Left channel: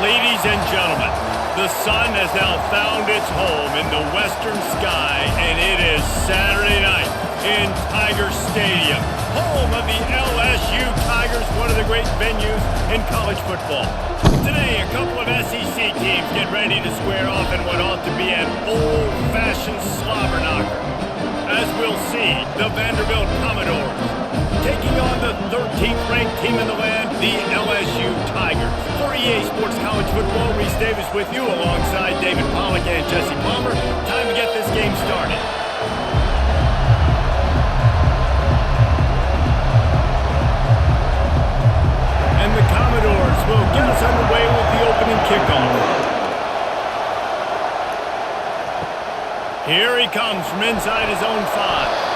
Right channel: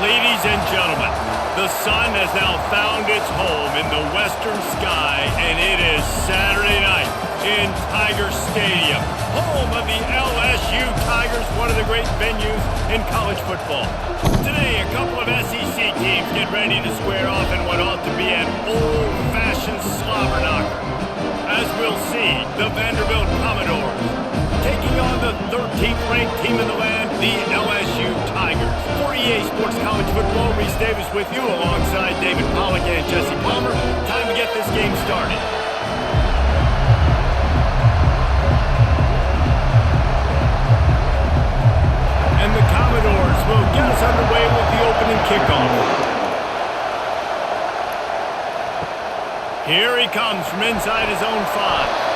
Ladies and gentlemen, the sun has now found its home in the western sky, and it is Saturday night in Tiger Stadium, home of the LSU Tigers, one of the great venues in college football. Today, a couple of SEC teams get ready to square off in what ought to be an old-fashioned slobber knocker. As we'll see, the Vanderbilt Commodores taking on the 13th ranked team in the land, the LSU Tigers. For EA Sports College Football, Reese Davis with you alongside David Pollack and Jesse Palmer. Time to get this game started. And the Commodores will get us underway with the opening kickoff. Here he comes from inside his own 5.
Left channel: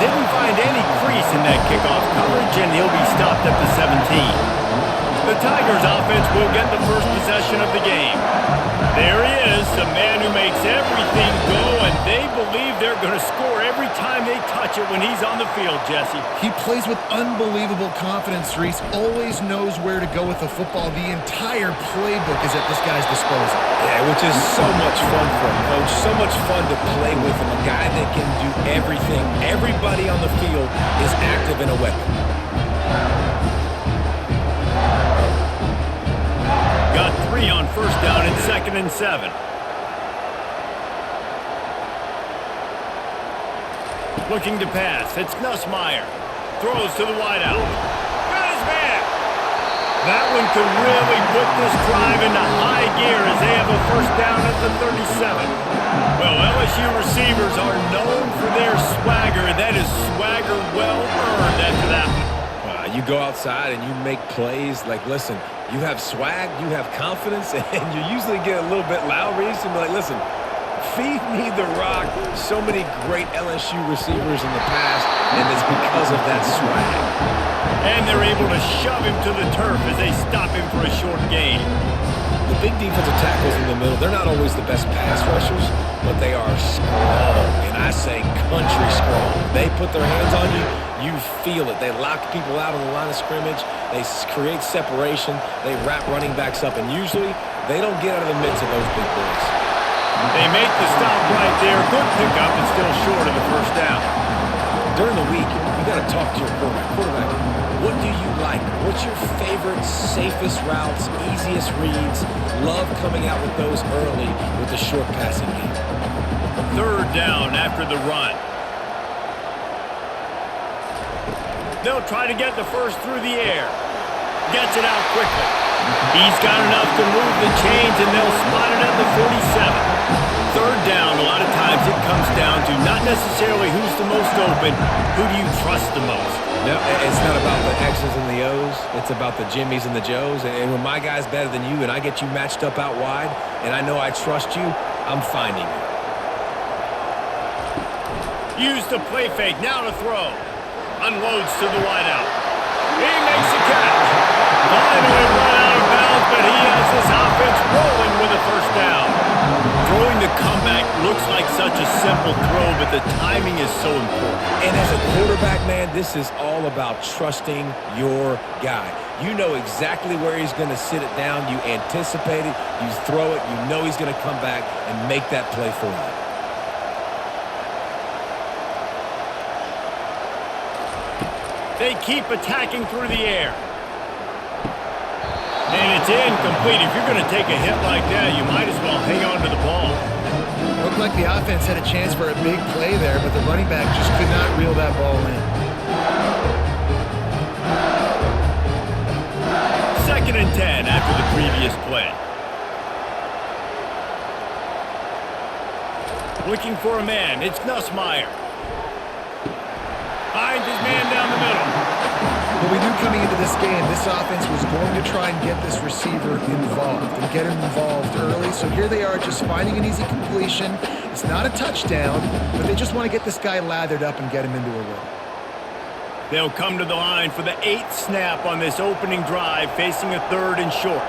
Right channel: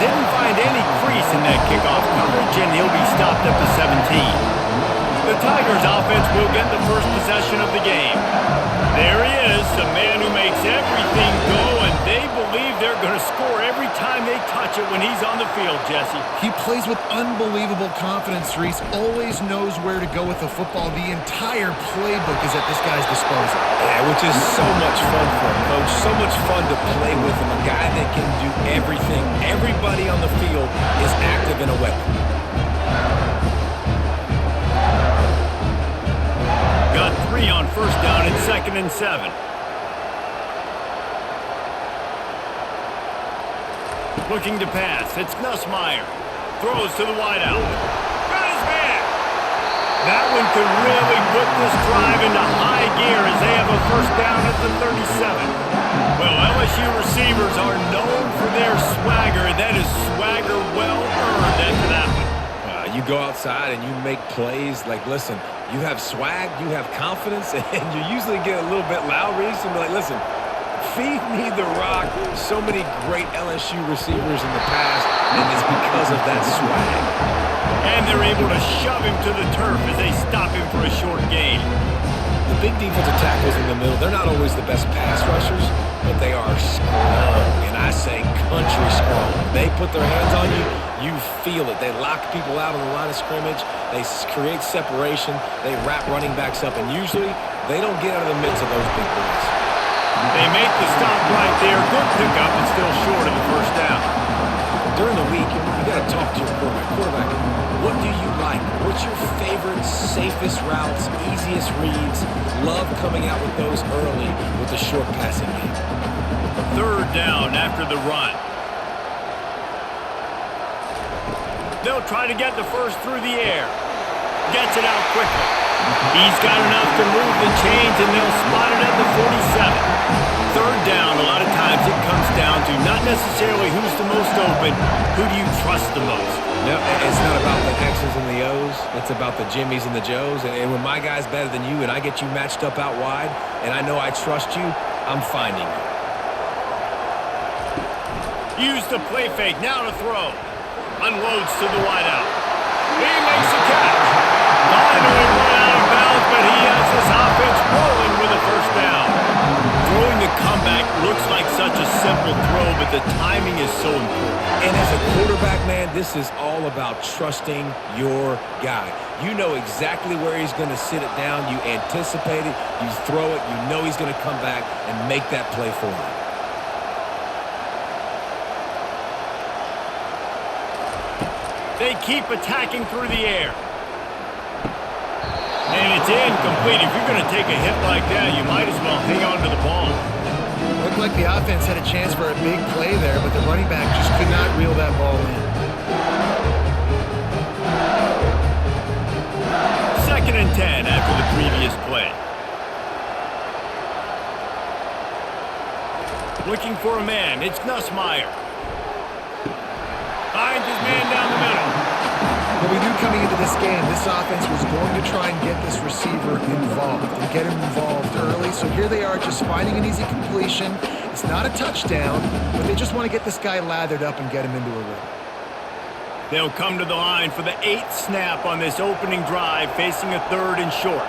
Didn't find any crease in that kickoff coverage, and he'll be stopped at the 17. The Tigers offense will get the first possession of the game. There he is, the man who makes everything go, and they believe they're going to score every time they touch it when he's on the field, Jesse. He plays with unbelievable confidence, Reese. Always knows where to go with the football. The entire playbook is at this guy's disposal. Yeah, which is so much fun for a coach. So much fun to play with him. A guy that can do everything. Everybody on the field is active in a weapon. Got 3 on first down and 2nd and 7. Looking to pass. It's Nussmeier. Throws to the wideout. Got his man. That one could really put this drive into high gear as they have a first down at the 37. Well, LSU receivers are known for their swagger, and that is swagger well earned after that one. You go outside and you make plays. Like, listen, you have swag, you have confidence, and you usually get a little bit loud, Reese, and be like, listen, feed me the rock. So many great LSU receivers in the past, and it's because of that swag. And they're able to shove him to the turf as they stop him for a short gain. The big defensive tackles in the middle, they're not always the best pass rushers, but they are strong, and I say country strong. They put their hands on you, you feel it. They lock people out on the line of scrimmage. They create separation. They wrap running backs up, and usually they don't get out of the midst of those big boys. They make the stop right there. Good pickup and still short of the first down. During the week, you got to talk to your quarterback. Quarterback, what do you like? What's your favorite, safest routes, easiest reads? Love coming out with those early with the short passing game. 3rd down after the run. They'll try to get the first through the air. Gets it out quickly. He's got enough to move the chains, and they'll spot it at the 47. 3rd down, a lot of times it comes down to not necessarily who's the most open, who do you trust the most? No, it's not about the X's and the O's. It's about the Jimmys and the Joes. And when my guy's better than you and I get you matched up out wide, and I know I trust you, I'm finding you. Use the play fake, now to throw. Unloads to the wideout. He makes the catch. Finally run out of bounds, but he has this offense rolling with a first down. Throwing the comeback looks like such a simple throw, but the timing is so important. And as a quarterback, man, this is all about trusting your guy. You know exactly where he's going to sit it down. You anticipate it. You throw it. You know he's going to come back and make that play for you. They keep attacking through the air. And it's incomplete. If you're going to take a hit like that, you might as well hang on to the ball. Looked like the offense had a chance for a big play there, but the running back just could not reel that ball in. 2nd and 10 after the previous play. Looking for a man. It's Nussmeier. Finds his man down the middle. Well, we knew coming into this game, this offense was going to try and get this receiver involved and get him involved early. So here they are just finding an easy completion. It's not a touchdown, but they just want to get this guy lathered up and get him into a rhythm. They'll come to the line for the 8th snap on this opening drive, facing a 3rd and short.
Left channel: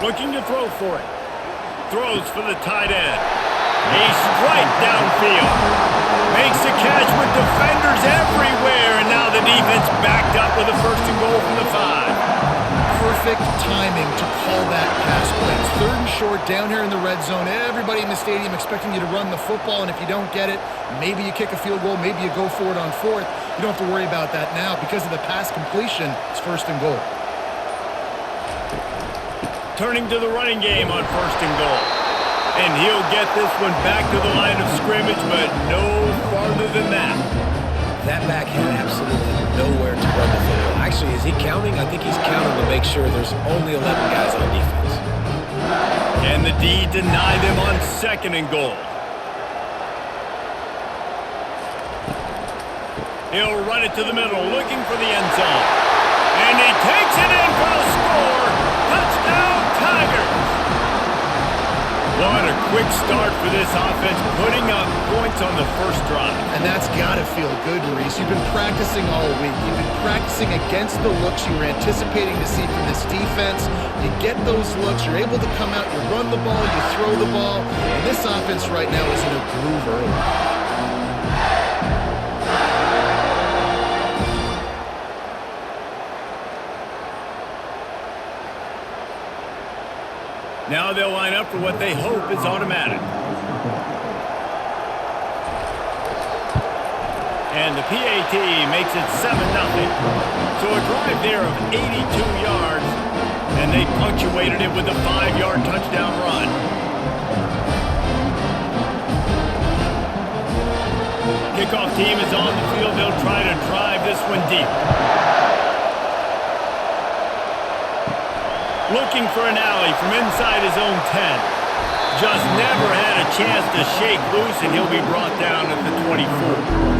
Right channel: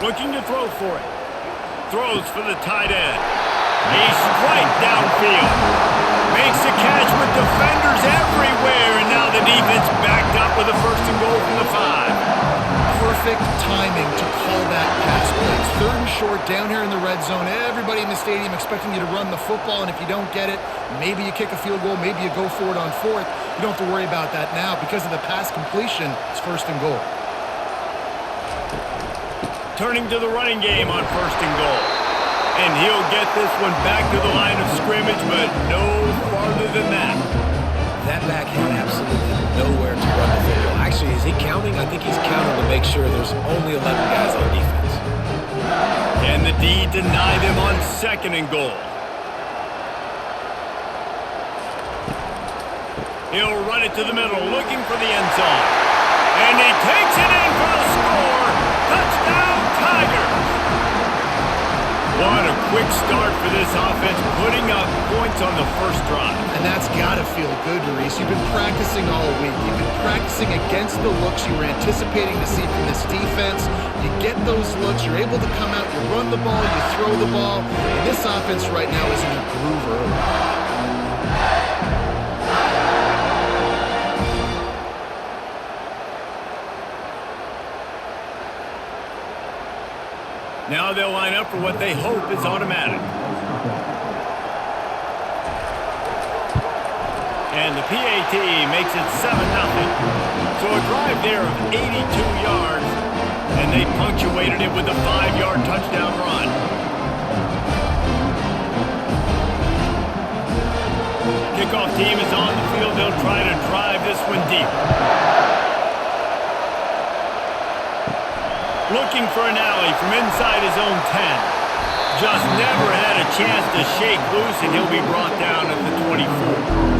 Looking to throw for it. Throws for the tight end. A strike downfield. Makes a catch with defenders everywhere, and now the defense backed up with a 1st and goal from the 5. perfect timing to call that pass play. It's 3rd and short down here in the red zone. Everybody in the stadium expecting you to run the football, and if you don't get it, maybe you kick a field goal, maybe you go for it on 4th. You don't have to worry about that now. Because of the pass completion, it's 1st and goal. Turning to the running game on 1st and goal. And he'll get this one back to the line of scrimmage, but no farther than that. That back had absolutely nowhere to run the football. Actually, is he counting? I think he's counting to make sure there's only 11 guys on defense. Can the D deny them on 2nd and goal? He'll run it to the middle, looking for the end zone. And he takes it in for the score. Touchdown, Tigers! What a quick start for this offense, putting up points on the first drive. And that's got to feel good, Reese. You've been practicing all week. You've been practicing against the looks you were anticipating to see from this defense. You get those looks, you're able to come out, you run the ball, you throw the ball, and this offense right now is in a groove early. Now they'll line up for what they hope is automatic. And the PAT makes it 7-0. So a drive there of 82 yards, and they punctuated it with a 5-yard touchdown run. Kickoff team is on the field. They'll try to drive this one deep. Looking for an alley from inside his own 10. Just never had a chance to shake loose, and he'll be brought down at the 24.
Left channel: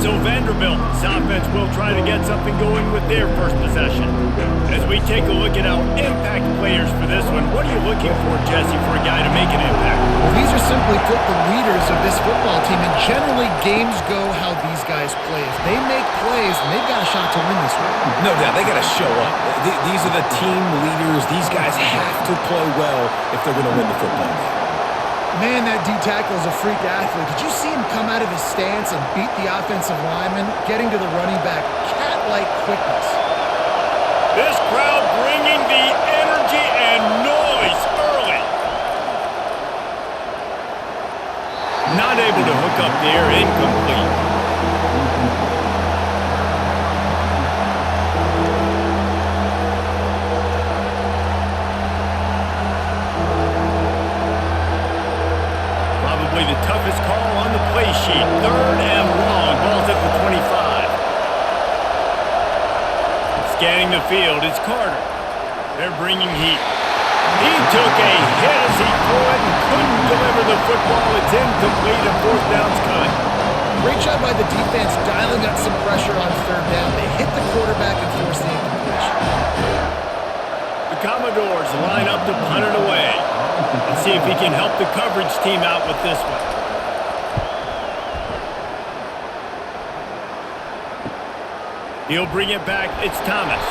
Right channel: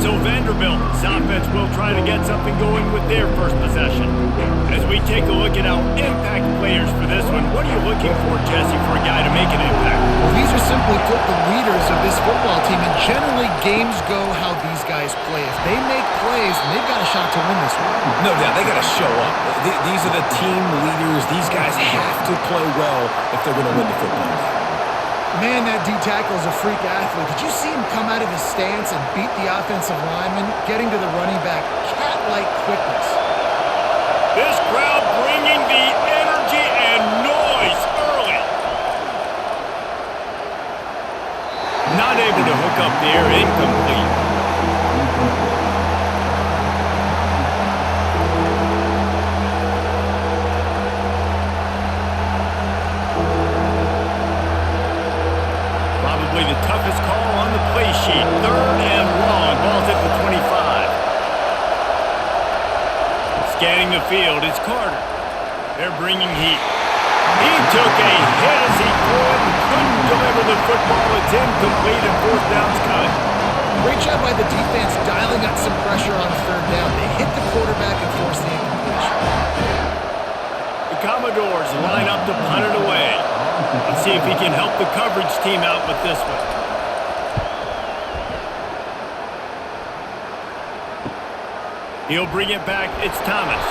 So Vanderbilt's offense will try to get something going with their first possession. As we take a look at our impact players for this one, what are you looking for, Jesse, for a guy to make an impact? Well, these are simply put the leaders of this football team, and generally games go how these guys play. If they make plays, then they've got a shot to win this one. No doubt, they got to show up. These are the team leaders. These guys have to play well if they're going to win the football game. Man, that D-tackle is a freak athlete. Did you see him come out of his stance and beat the offensive lineman, getting to the running back? Cat-like quickness. This crowd bringing the energy and noise early. Not able to hook up there, incomplete. Probably the toughest call on the play sheet. 3rd and long. Ball's at the 25. Scanning the field, it's Carter. They're bringing heat. He took a hit as he threw it and couldn't deliver the football. It's incomplete and 4th down's coming. Great job by the defense dialing up some pressure on 3rd down. They hit the quarterback and forced the incompletion. The Commodores line up to punt it away. Let's see if he can help the coverage team out with this one. He'll bring it back. It's Thomas.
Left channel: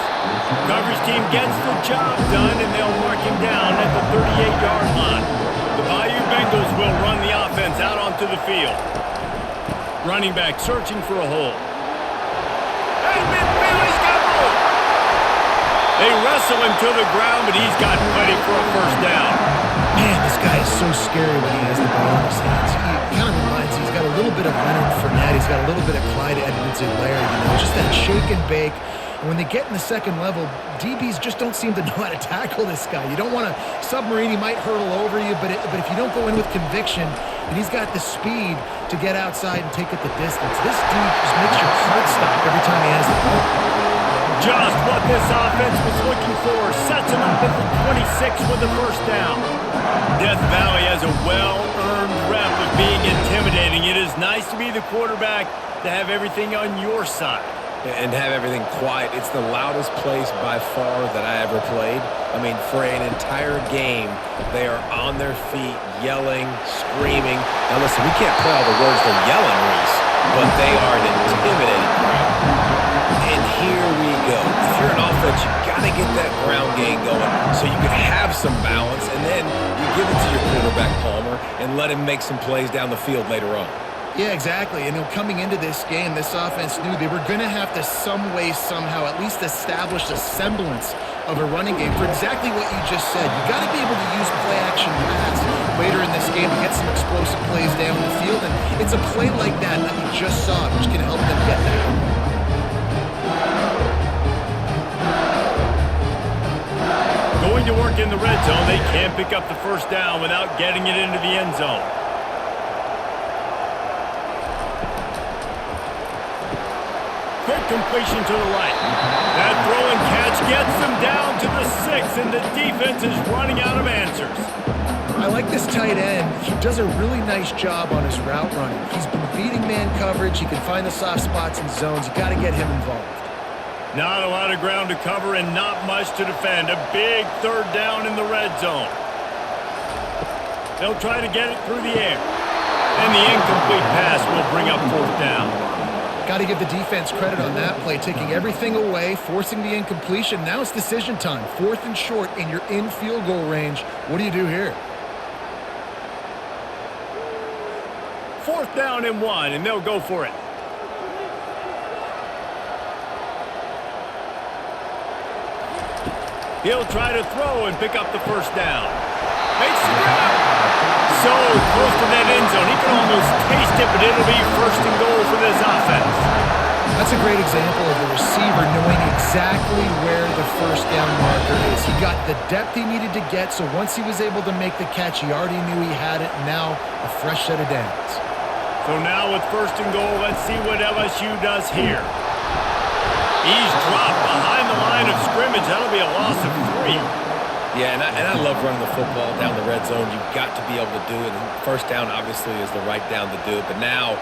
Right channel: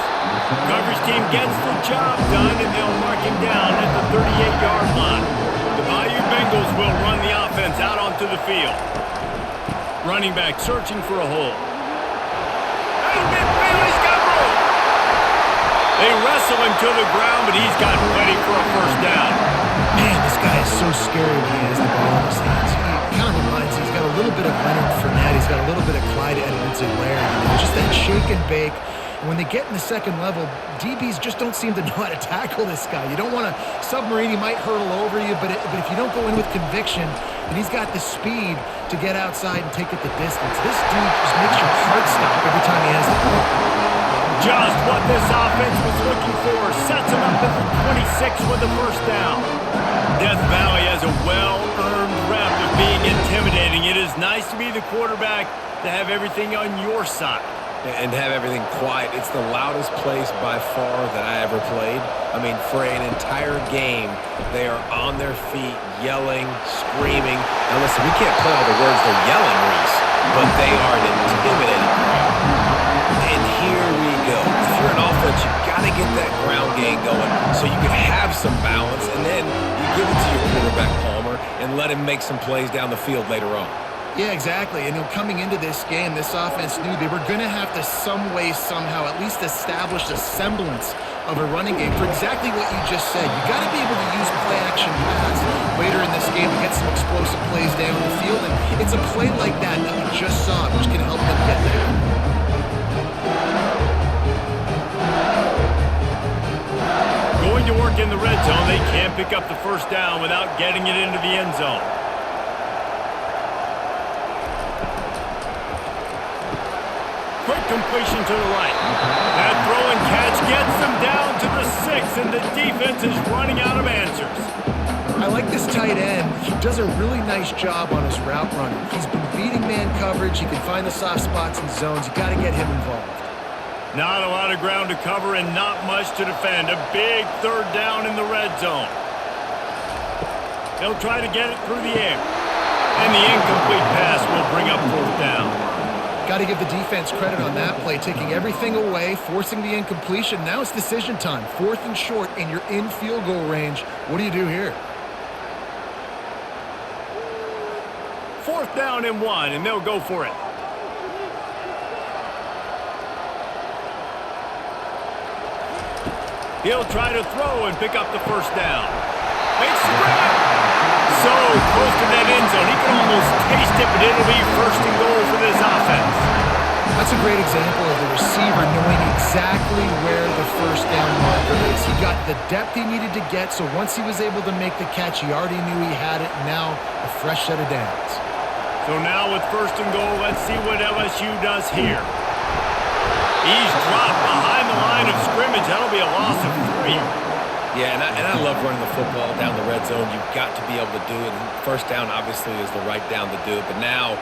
Coverage team gets the job done, and they'll mark him down at the 38-yard line. The Bayou Bengals will run the offense out onto the field. Running back searching for a hole. And midfield, he's got room. They wrestle him to the ground, but he's got plenty for a 1st down. Man, this guy is so scary when he has the ball in his hands. He kind of reminds me, he's got a little bit of Leonard Fournette. He's got a little bit of Clyde Edwards-Helaire, you know, just that shake and bake. And when they get in the second level, DBs just don't seem to know how to tackle this guy. You don't want to submarine. He might hurtle over you, but if you don't go in with conviction, and he's got the speed to get outside and take it the distance. This dude just makes your heart stop every time he has the ball. Just what this offense was looking for. Sets him up at the 26 with the 1st down. Death Valley has a well-earned rep of being intimidating. It is nice to be the quarterback, to have everything on your side. And have everything quiet. It's the loudest place by far that I ever played. I mean, for an entire game, they are on their feet, yelling, screaming. Now listen, we can't play all the words they're yelling, Reese, but they are an intimidating crowd. And here we go. If you're an offense, you got to get that ground game going so you can have some balance, and then you give it to your quarterback, Palmer, and let him make some plays down the field later on. Yeah, exactly. And coming into this game, this offense knew they were going to have to some way, somehow, at least establish a semblance of a running game for exactly what you just said. You got to be able to use play-action pass later in this game to get some explosive plays down the field, and it's a play like that we just saw, which can help them get that goal. Going to work in the red zone, they can't pick up the first down without getting it into the end zone. Quick completion to the right. That throw and catch gets them down to the 6, and the defense is running out of answers. I like this tight end. He does a really nice job on his route running. He's been beating man coverage. He can find the soft spots and zones. You got to get him involved. Not a lot of ground to cover and not much to defend. A big third down in the red zone. They'll try to get it through the air. And the incomplete pass will bring up fourth down. Got to give the defense credit on that play, taking everything away, forcing the incompletion. Now it's decision time. 4th and short, and you're in field goal range. What do you do here? 4th down and 1, and they'll go for it. He'll try to throw and pick up the first down. Makes the grab. So close to that end zone. He can almost taste it, but it'll be 1st and goal for this offense. That's a great example of the receiver knowing exactly where the first down marker is. He got the depth he needed to get, so once he was able to make the catch, he already knew he had it. Now a fresh set of downs. So now with 1st and goal, let's see what LSU does here. He's dropped behind the line of scrimmage. That'll be a loss of 3. Yeah, and I love running the football down the red zone. You've got to be able to do it. And first down, obviously, is the right down to do it. But now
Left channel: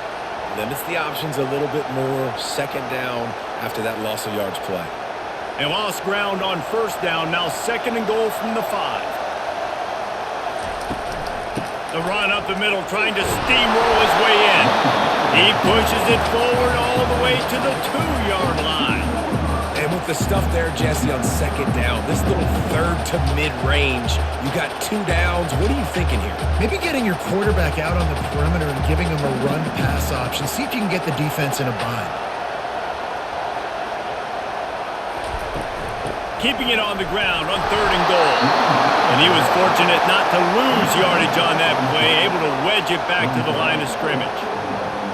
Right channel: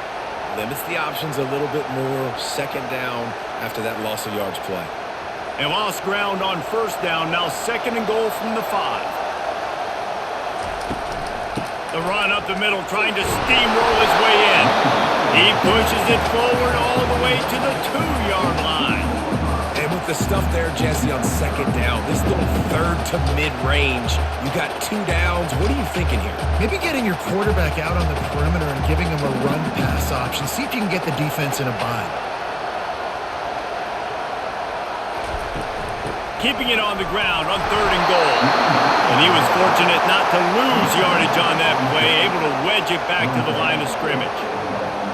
limits the options a little bit more. 2nd down after that loss of yards play. And lost ground on 1st down. Now 2nd and goal from the 5. The run up the middle, trying to steamroll his way in. He pushes it forward all the way to the 2-yard line. And with the stuff there, Jesse, on 2nd down, this little 3rd to mid-range, you got 2 downs. What are you thinking here? Maybe getting your quarterback out on the perimeter and giving him a run-pass option. See if you can get the defense in a bind. Keeping it on the ground on 3rd and goal. And he was fortunate not to lose yardage on that play, able to wedge it back to the line of scrimmage.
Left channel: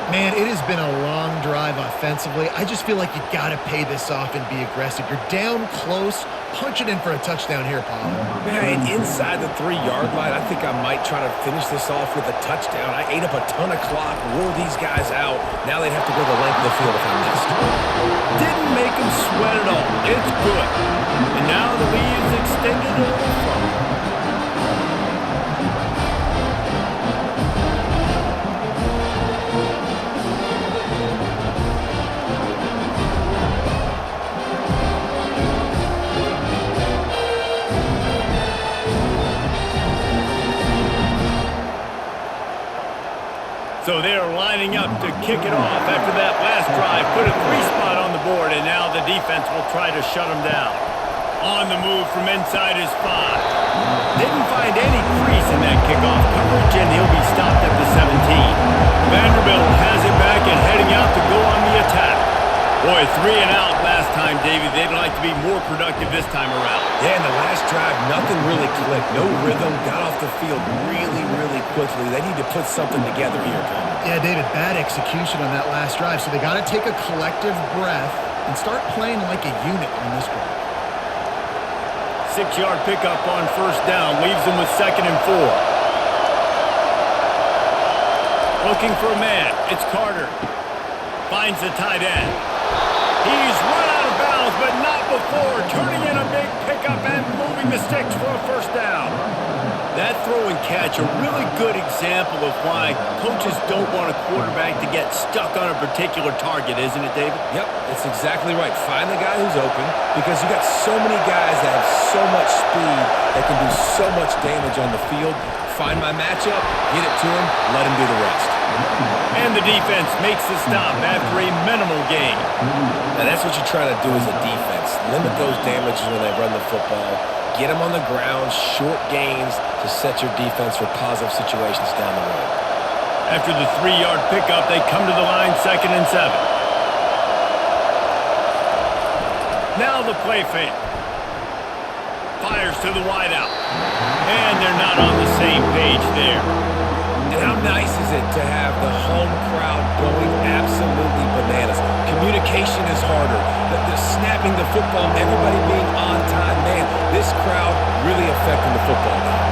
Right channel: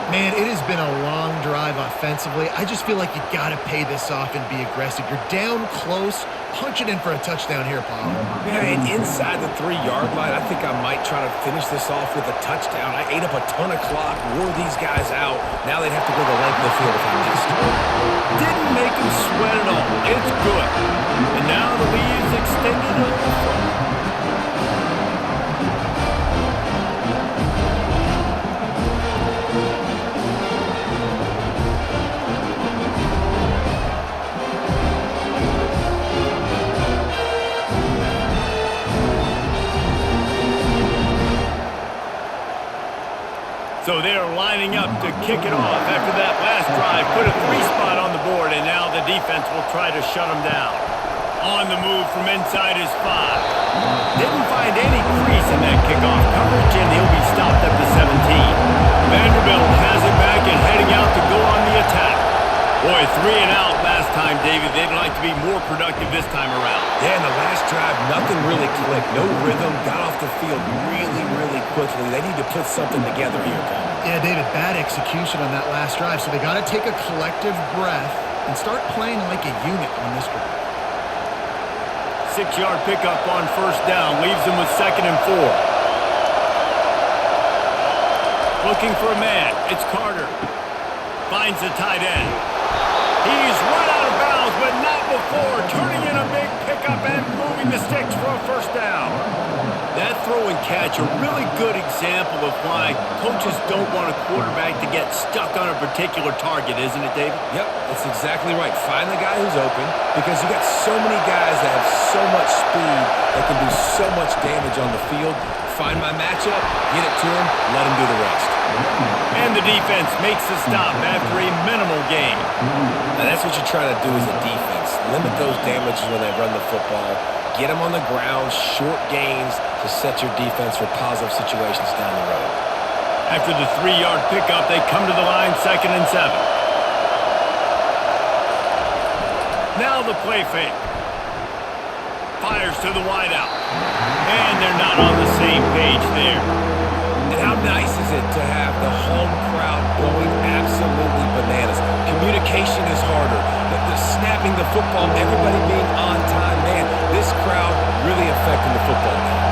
Man, it has been a long drive offensively. I just feel like you got to pay this off and be aggressive. You're down close. Punch it in for a touchdown here, Pollard. Yeah, and inside the 3-yard line, I think I might try to finish this off with a touchdown. I ate up a ton of clock, wore these guys out. Now they'd have to go the length of the field if I missed. Didn't make him sweat at all. It's good. And now the lead is extended a little further. So they're lining up to kick it off after that last drive. Put a 3 spot on the board, and now the defense will try to shut them down. On the move from inside his 5. Didn't find any crease in that kickoff coverage, and he'll be stopped at the 17. Vanderbilt has it back and heading out to go on the attack. Boy, 3 and out last time, David. They'd like to be more productive this time around. Yeah, in the last drive, nothing really clicked. No rhythm. Got off the field really, really quickly. They need to put something together here, Paul. Yeah, David, bad execution on that last drive. So they got to take a collective breath and start playing like a unit on this drive. 6-yard pickup on 1st down. Leaves them with 2nd and 4. Looking for a man. It's Carter. Finds the tight end. He's run out of bounds, but not before. Turning in a big pickup and moving the sticks for a 1st down. That throw and catch, a really good example of why coaches don't want a quarterback to get stuck on a particular target, isn't it, David? Yep, that's exactly right. Find the guy who's open, because you got so many guys that have so much speed that can do so much damage on the field. Find my matchup, get it to him, let him do the rest. And the defense makes the stop after a minimal gain. Now that's what you try to do as a defense. Limit those damages when they run the football. Get them on the ground, short gains to set your defense for positive situations down the road. After the 3-yard pickup, they come to the line 2nd and 7. Now the play fake. Fires to the wideout. And they're not on the same page there. And how nice is it to have the home crowd going absolutely bananas? Communication is harder. The snapping the football, everybody being on time. Man, this crowd really affecting the football game.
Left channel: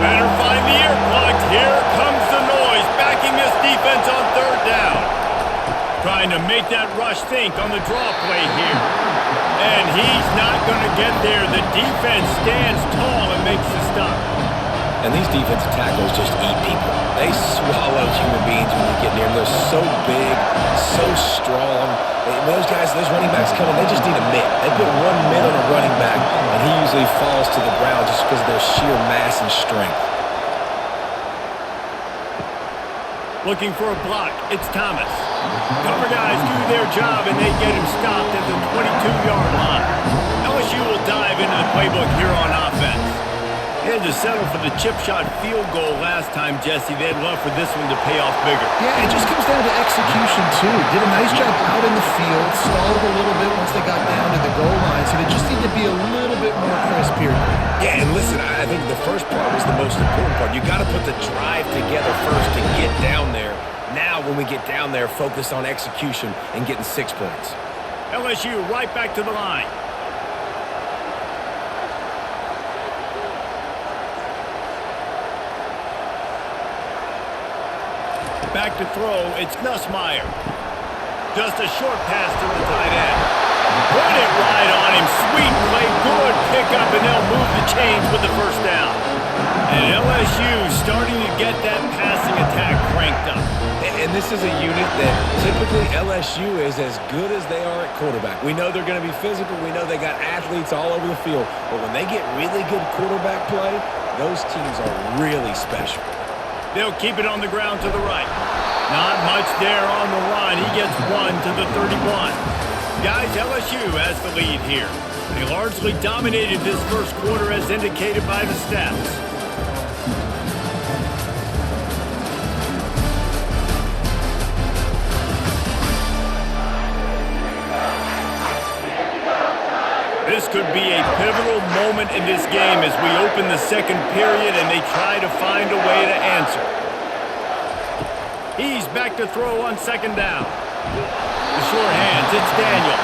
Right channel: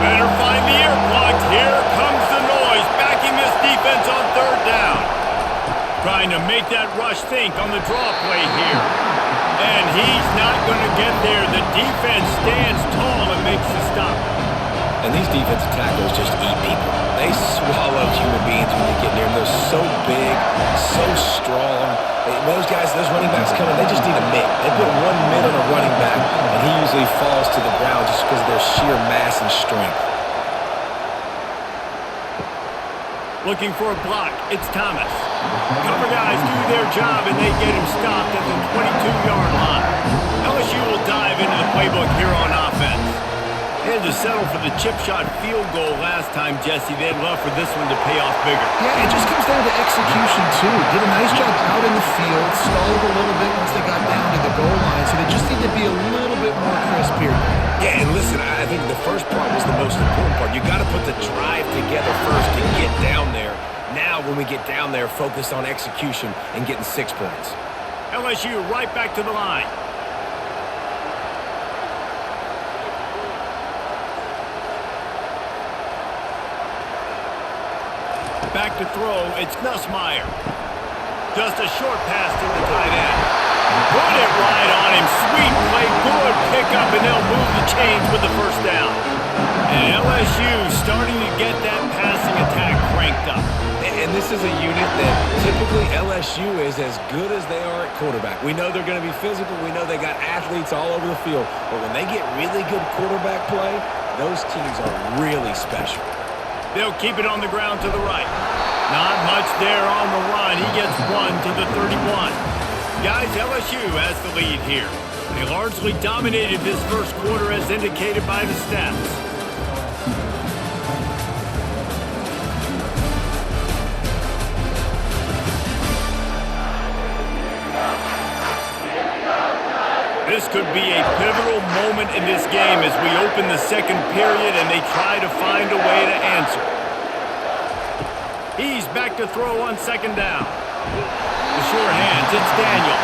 Better find the earplugs. Here comes the noise, backing this defense on third down. Trying to make that rush think on the draw play here. And he's not going to get there. The defense stands tall and makes the stop. And these defensive tackles just eat people. They swallow human beings when you get near them. They're so big, so strong. When those guys, those running backs come in, they just need a mitt. They put one mitt on a running back, and he usually falls to the ground just because of their sheer mass and strength. Looking for a block. It's Thomas. Cover guys do their job, and they get him stopped at the 22-yard line. LSU will dive into the playbook here on offense. They had to settle for the chip shot field goal last time, Jesse. They'd love for this one to pay off bigger. Yeah, it just comes down to execution, too. Did a nice job out in the field, stalled a little bit once they got down to the goal line, so they just need to be a little bit more crisp here. Yeah, and listen, I think the first part was the most important part. You got to put the drive together first to get down there. Now, when we get down there, focus on execution and getting 6 points. LSU right back to the line. Back to throw, it's Nussmeier. Just a short pass to the tight end. Put it right on him. Sweet play, good pickup, and they'll move the chains with the first down. And LSU starting to get that passing attack cranked up. And this is a unit that typically LSU is as good as they are at quarterback. We know they're going to be physical. We know they got athletes all over the field. But when they get really good quarterback play, those teams are really special. They'll keep it on the ground to the right. Not much there on the run. He gets one to the 31. Guys, LSU has the lead here. They largely dominated this first quarter as indicated by the stats. This could be a pivotal moment in this game as we open the second period and they try to find a way to answer. He's back to throw on second down. The sure hands, it's Daniels.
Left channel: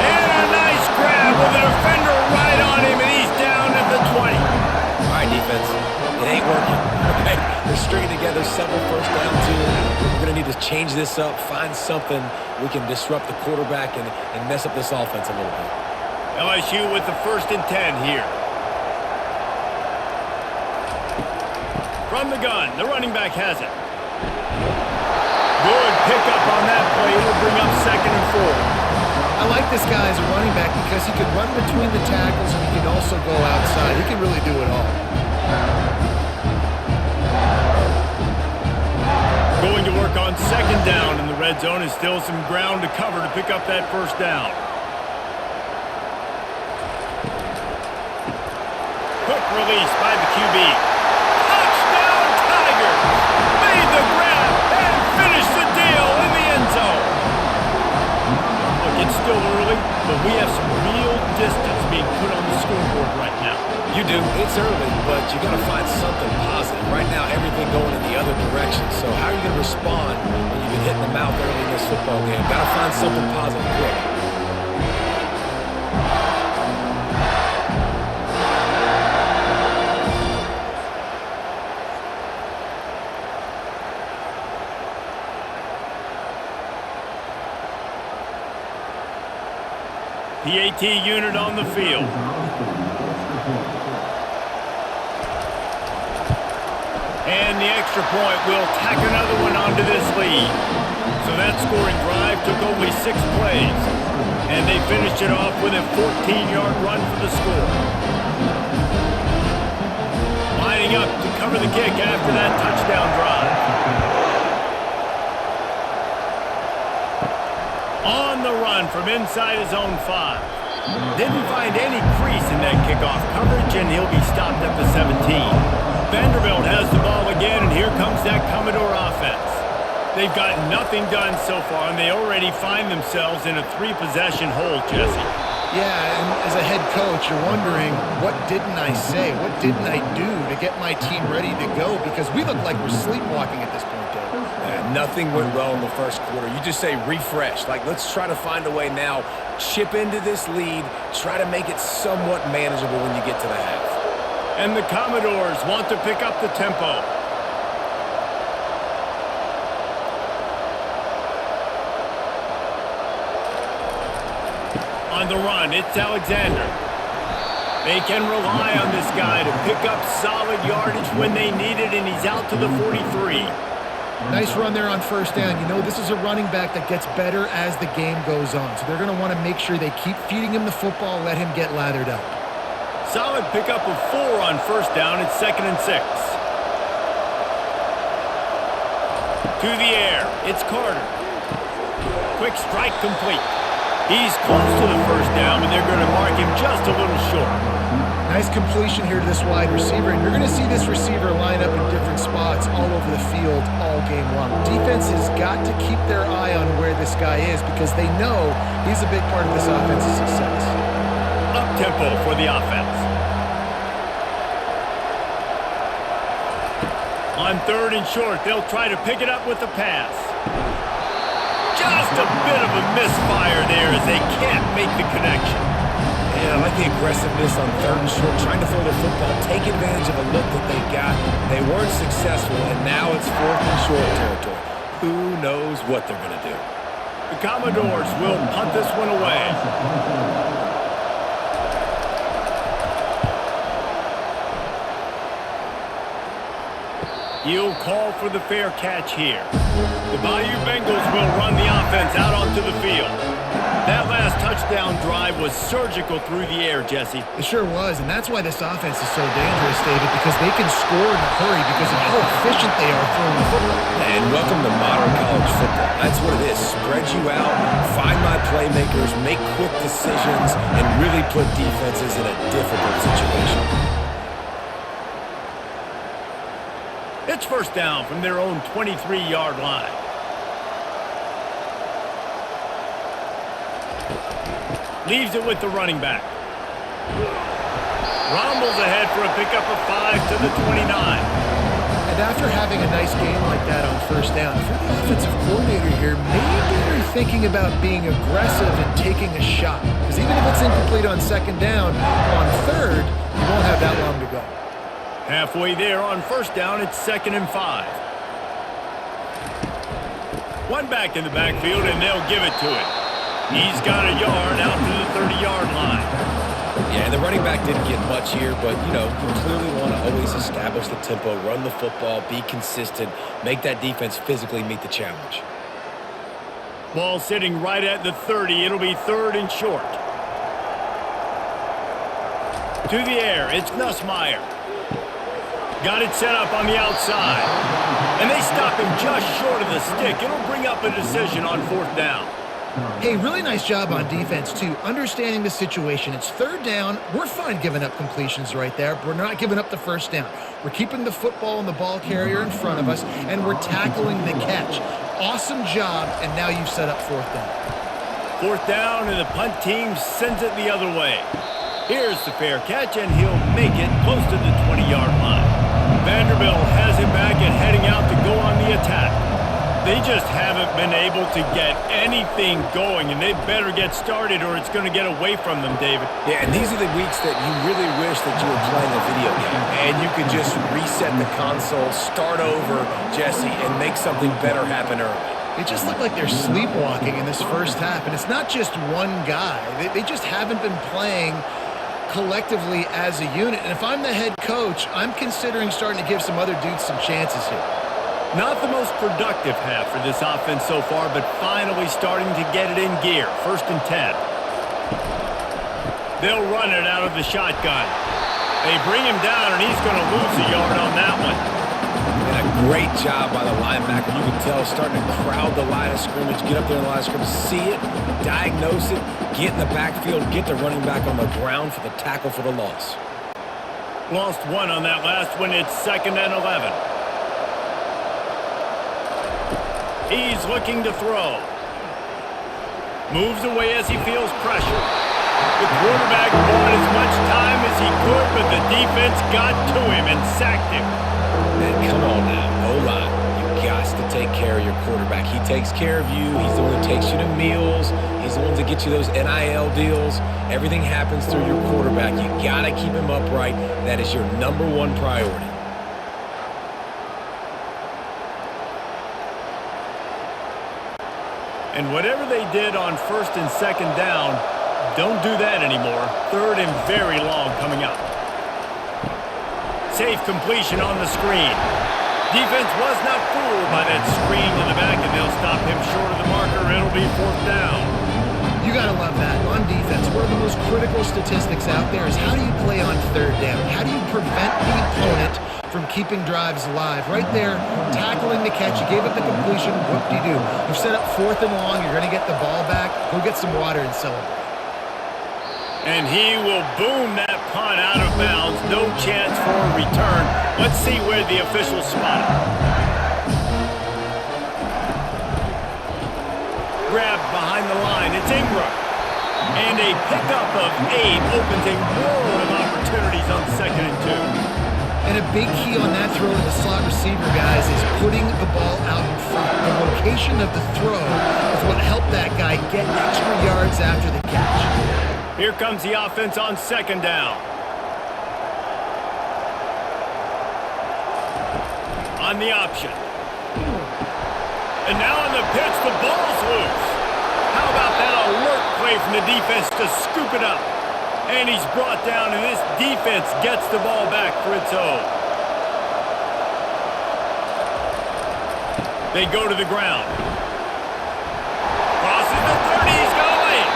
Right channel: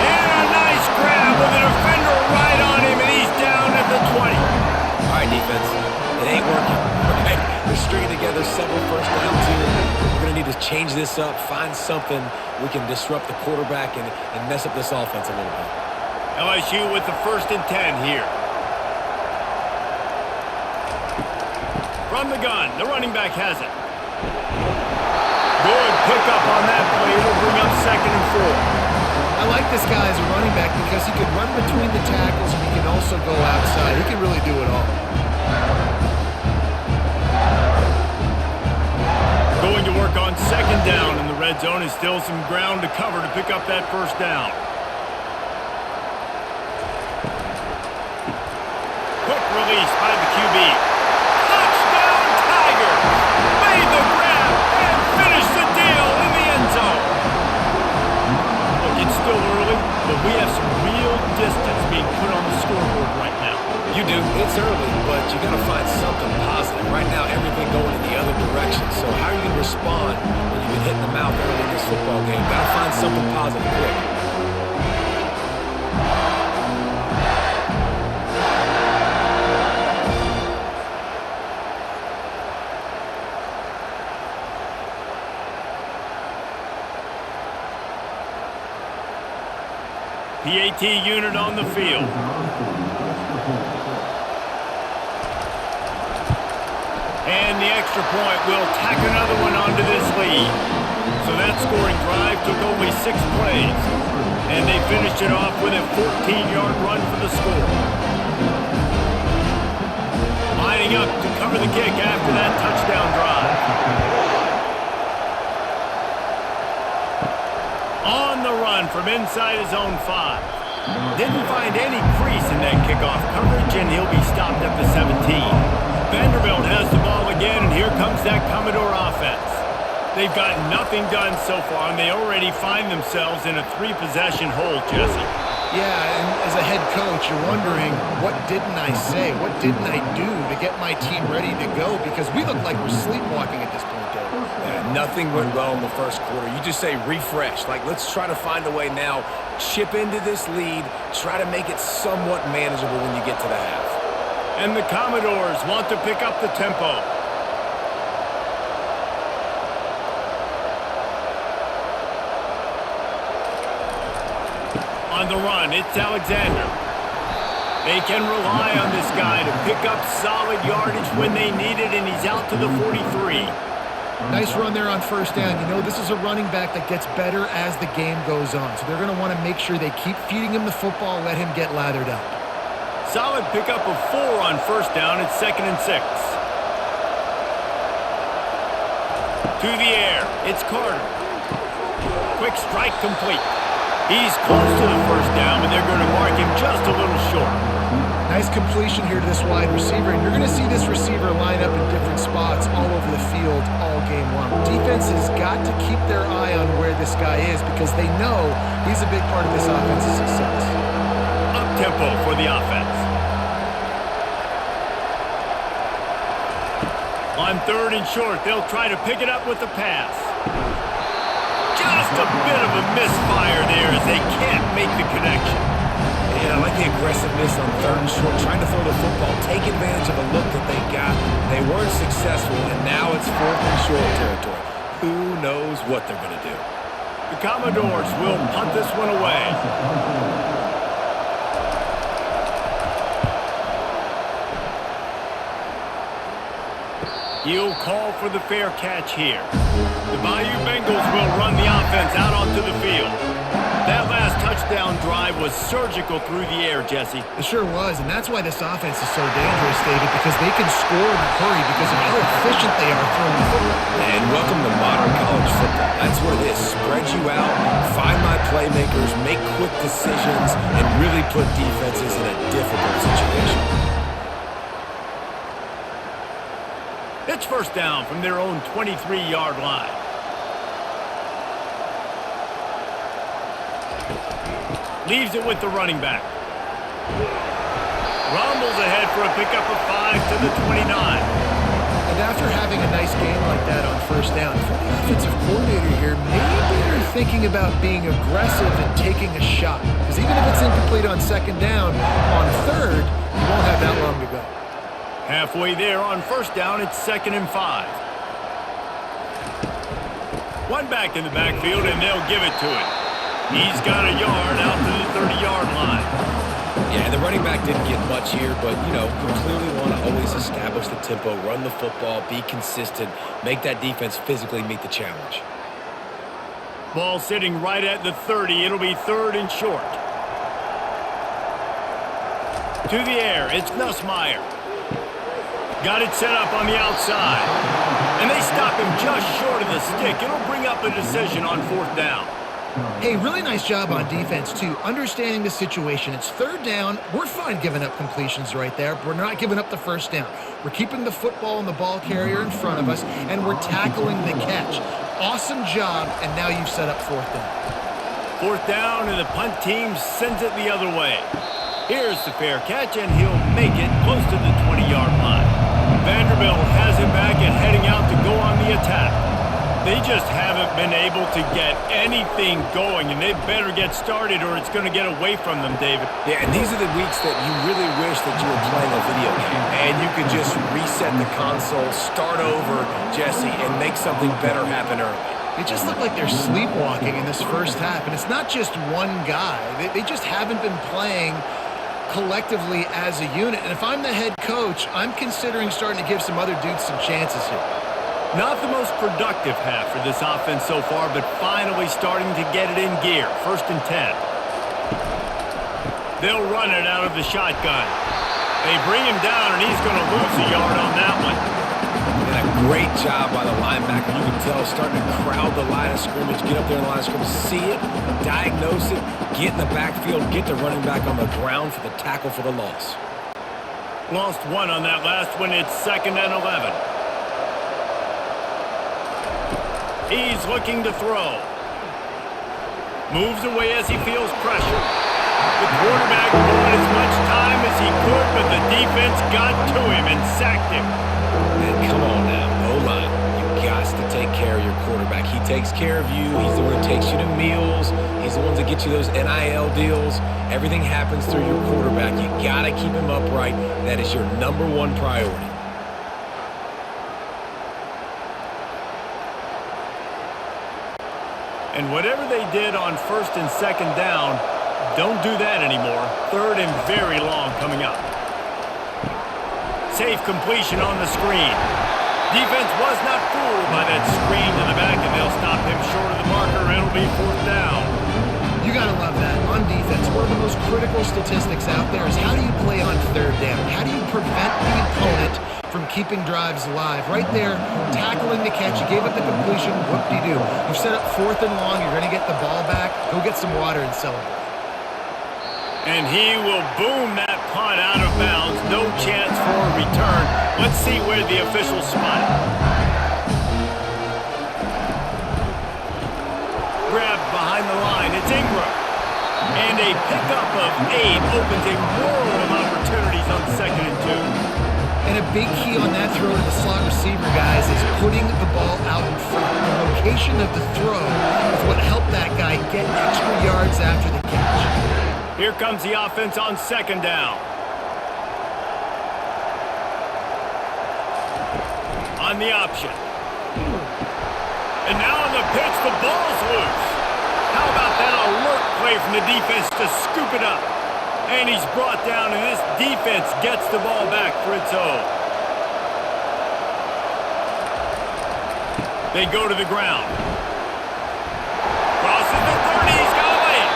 And a nice grab with a defender right on him, and he's down at the 20. All right, defense. It ain't working. Right? They're stringing together several first downs here. We're going to need to change this up, find something we can disrupt the quarterback and mess up this offense a little bit. LSU with the 1st and 10 here. From the gun, the running back has it. Good pickup on that play. It'll bring up 2nd and 4. I like this guy as a running back because he can run between the tackles and he can also go outside. He can really do it all. Going to work on 2nd down in the red zone, and still some ground to cover to pick up that 1st down. Quick release by the QB. Touchdown Tigers! Made the grab and finished the deal in the end zone. Look, it's still early, but we have some real distance being put on the scoreboard right now. You do. It's early, but you got to find something positive. Right now, everything going in the other direction. So how are you going to respond when you've been hit in the mouth early in this football game? Got to find something positive quick. PAT unit on the field. And the extra point will tack another one onto this lead. So that scoring drive took only 6 plays. And they finished it off with a 14-yard run for the score. Lining up to cover the kick after that touchdown drive. On the run from inside his own 5. Didn't find any crease in that kickoff coverage, and he'll be stopped at the 17. Vanderbilt has the ball again, and here comes that Commodore offense. They've got nothing done so far, and they already find themselves in a 3-possession hole, Jesse. Yeah, and as a head coach, you're wondering, what didn't I say? What didn't I do to get my team ready to go? Because we look like we're sleepwalking at this point, Dave. Yeah, nothing went well in the first quarter. You just say refresh. Like, let's try to find a way now. Chip into this lead. Try to make it somewhat manageable when you get to the half. And the Commodores want to pick up the tempo. On the run, it's Alexander. They can rely on this guy to pick up solid yardage when they need it, and he's out to the 43. Nice run there on first down. You know, this is a running back that gets better as the game goes on. So they're going to want to make sure they keep feeding him the football, let him get lathered up. Solid pickup of 4 on first down. It's 2nd and 6. To the air. It's Carter. Quick strike complete. He's close to the first down, but they're going to mark him just a little short. Nice completion here to this wide receiver, and you're going to see this receiver line up in different spots all over the field all game long. Defense has got to keep their eye on where this guy is because they know he's a big part of this offense's success. Up-tempo for the offense. On 3rd and short, they'll try to pick it up with the pass. Just a bit of a misfire there as they can't make the connection. And I like the aggressiveness on 3rd and short, trying to throw the football, take advantage of a look that they got. They weren't successful, and now it's 4th and short territory. Who knows what they're going to do? The Commodores will punt this one away. He'll call for the fair catch here. The Bayou Bengals will run the offense out onto the field. That last touchdown drive was surgical through the air, Jesse. It sure was, and that's why this offense is so dangerous, David, because they can score in a hurry because of how efficient they are throwing the football. And welcome to modern college football. That's what it is. Spread you out, find my playmakers, make quick decisions, and really put defenses in a difficult situation. It's first down from their own 23-yard line. Leaves it with the running back. Rumbles ahead for a pickup of 5 to the 29. And after having a nice game like that on first down, if you're the offensive coordinator here, maybe you're thinking about being aggressive and taking a shot. Because even if it's incomplete on 2nd down, on 3rd, you won't have that long to go. Halfway there on first down, it's 2nd and 5. One back in the backfield, and they'll give it to him. He's got a yard out to the 30-yard line. Yeah, the running back didn't get much here, but, you know, you clearly want to always establish the tempo, run the football, be consistent, make that defense physically meet the challenge. Ball sitting right at the 30. It'll be 3rd and short. To the air, it's Nussmeier. Got it set up on the outside. And they stop him just short of the stick. It'll bring up a decision on 4th down. Hey, really nice job on defense, too, understanding the situation. It's 3rd down. We're fine giving up completions right there, but we're not giving up the first down. We're keeping the football and the ball carrier in front of us, and we're tackling the catch. Awesome job, and now you've set up 4th down. 4th down, and the punt team sends it the other way. Here's the fair catch, and he'll make it close to the 20-yard line. Vanderbilt has him back and heading out to go on the attack. They just haven't been able to get anything going, and they better get started or it's going to get away from them, David. Yeah, and these are the weeks that you really wish that you were playing a video game and you could just reset the console, start over, Jesse, and make something better happen early. They just look like they're sleepwalking in this first half, and it's not just one guy. They just haven't been playing collectively as a unit. And if I'm the head coach, I'm considering starting to give some other dudes some chances here. Not the most productive half for this offense so far, but finally starting to get it in gear. 1st and 10. They'll run it out of the shotgun. They bring him down, and he's going to lose a yard on that one. And a great job by the linebacker. You can tell starting to crowd the line of scrimmage, get up there in the line of scrimmage, see it, diagnose it, get in the backfield, get the running back on the ground for the tackle for the loss. Lost 1 on that last one. It's 2nd and 11. He's looking to throw. Moves away as he feels pressure. The quarterback bought as much time as he could, but the defense got to him and sacked him. And come on now, O-line. You got to take care of your quarterback. He takes care of you. He's the one that takes you to meals. He's the one that gets you those NIL deals. Everything happens through your quarterback. You got to keep him upright. That is your #1 priority. And whatever they did on 1st and 2nd down, don't do that anymore. 3rd and very long coming up. Safe completion on the screen. Defense was not fooled by that screen to the back, and they'll stop him short of the marker. It'll be 4th down. You got to love that. On defense, one of the most critical statistics out there is how do you play on 3rd down? How do you prevent the opponent from keeping drives alive? Right there, tackling the catch. You gave up the completion. Whoop-de-doo. You've set up 4th and long. You're going to get the ball back. Go get some water and celebrate. And he will boom that punt out of bounds. No chance for a return. Let's see where the officials spot it. Grabbed behind the line. It's Ingram. And a pickup of 8 opens a world of opportunities on 2nd and 2. And a big key on that throw to the slot receiver, guys, is putting the ball out in front. The location of the throw is what helped that guy get extra yards after the catch. Here comes the offense on 2nd down. On the option. And now on the pitch, the ball's loose. How about that alert play from the defense to scoop it up? And he's brought down, and this defense gets the ball back for its own. They go to the ground. Crosses the 30, he's got away.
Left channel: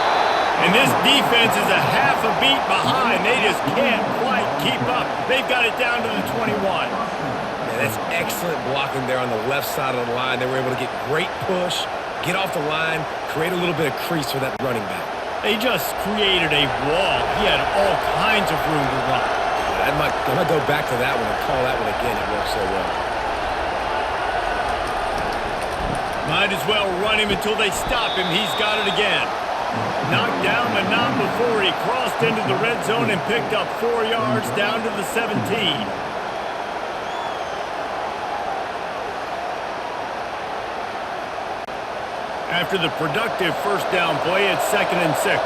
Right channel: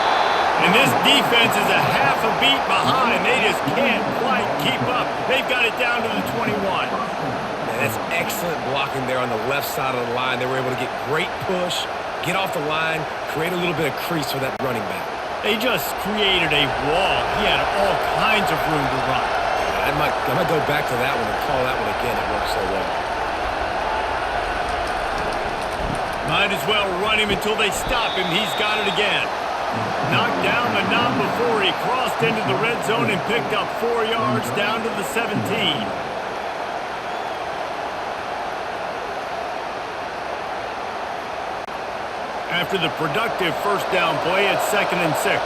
And this defense is a half a beat behind. They just can't quite keep up. They've got it down to the 21. Man, that's excellent blocking there on the left side of the line. They were able to get great push, get off the line, create a little bit of crease for that running back. They just created a wall. He had all kinds of room to run. Yeah, I might go back to that one and call that one again. It worked so well. Might as well run him until they stop him. He's got it again. Knocked down, but not before he crossed into the red zone and picked up 4 yards down to the 17. After the productive 1st down play, it's 2nd and 6.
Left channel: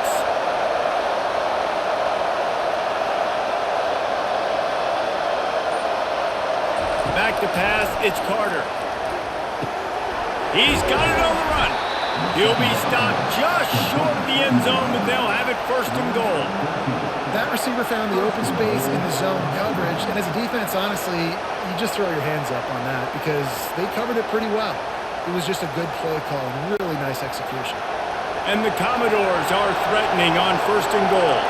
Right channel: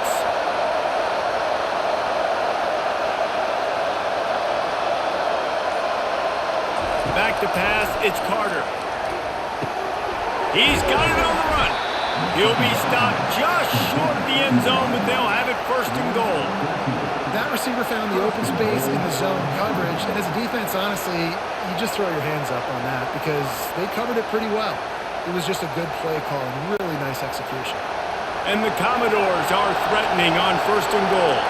Back to pass, it's Carter. He's got it on the run. He'll be stopped just short of the end zone, but they'll have it 1st and goal. That receiver found the open space in the zone coverage, and as a defense, honestly, you just throw your hands up on that because they covered it pretty well. It was just a good play call and really nice execution. And the Commodores are threatening on 1st and goal.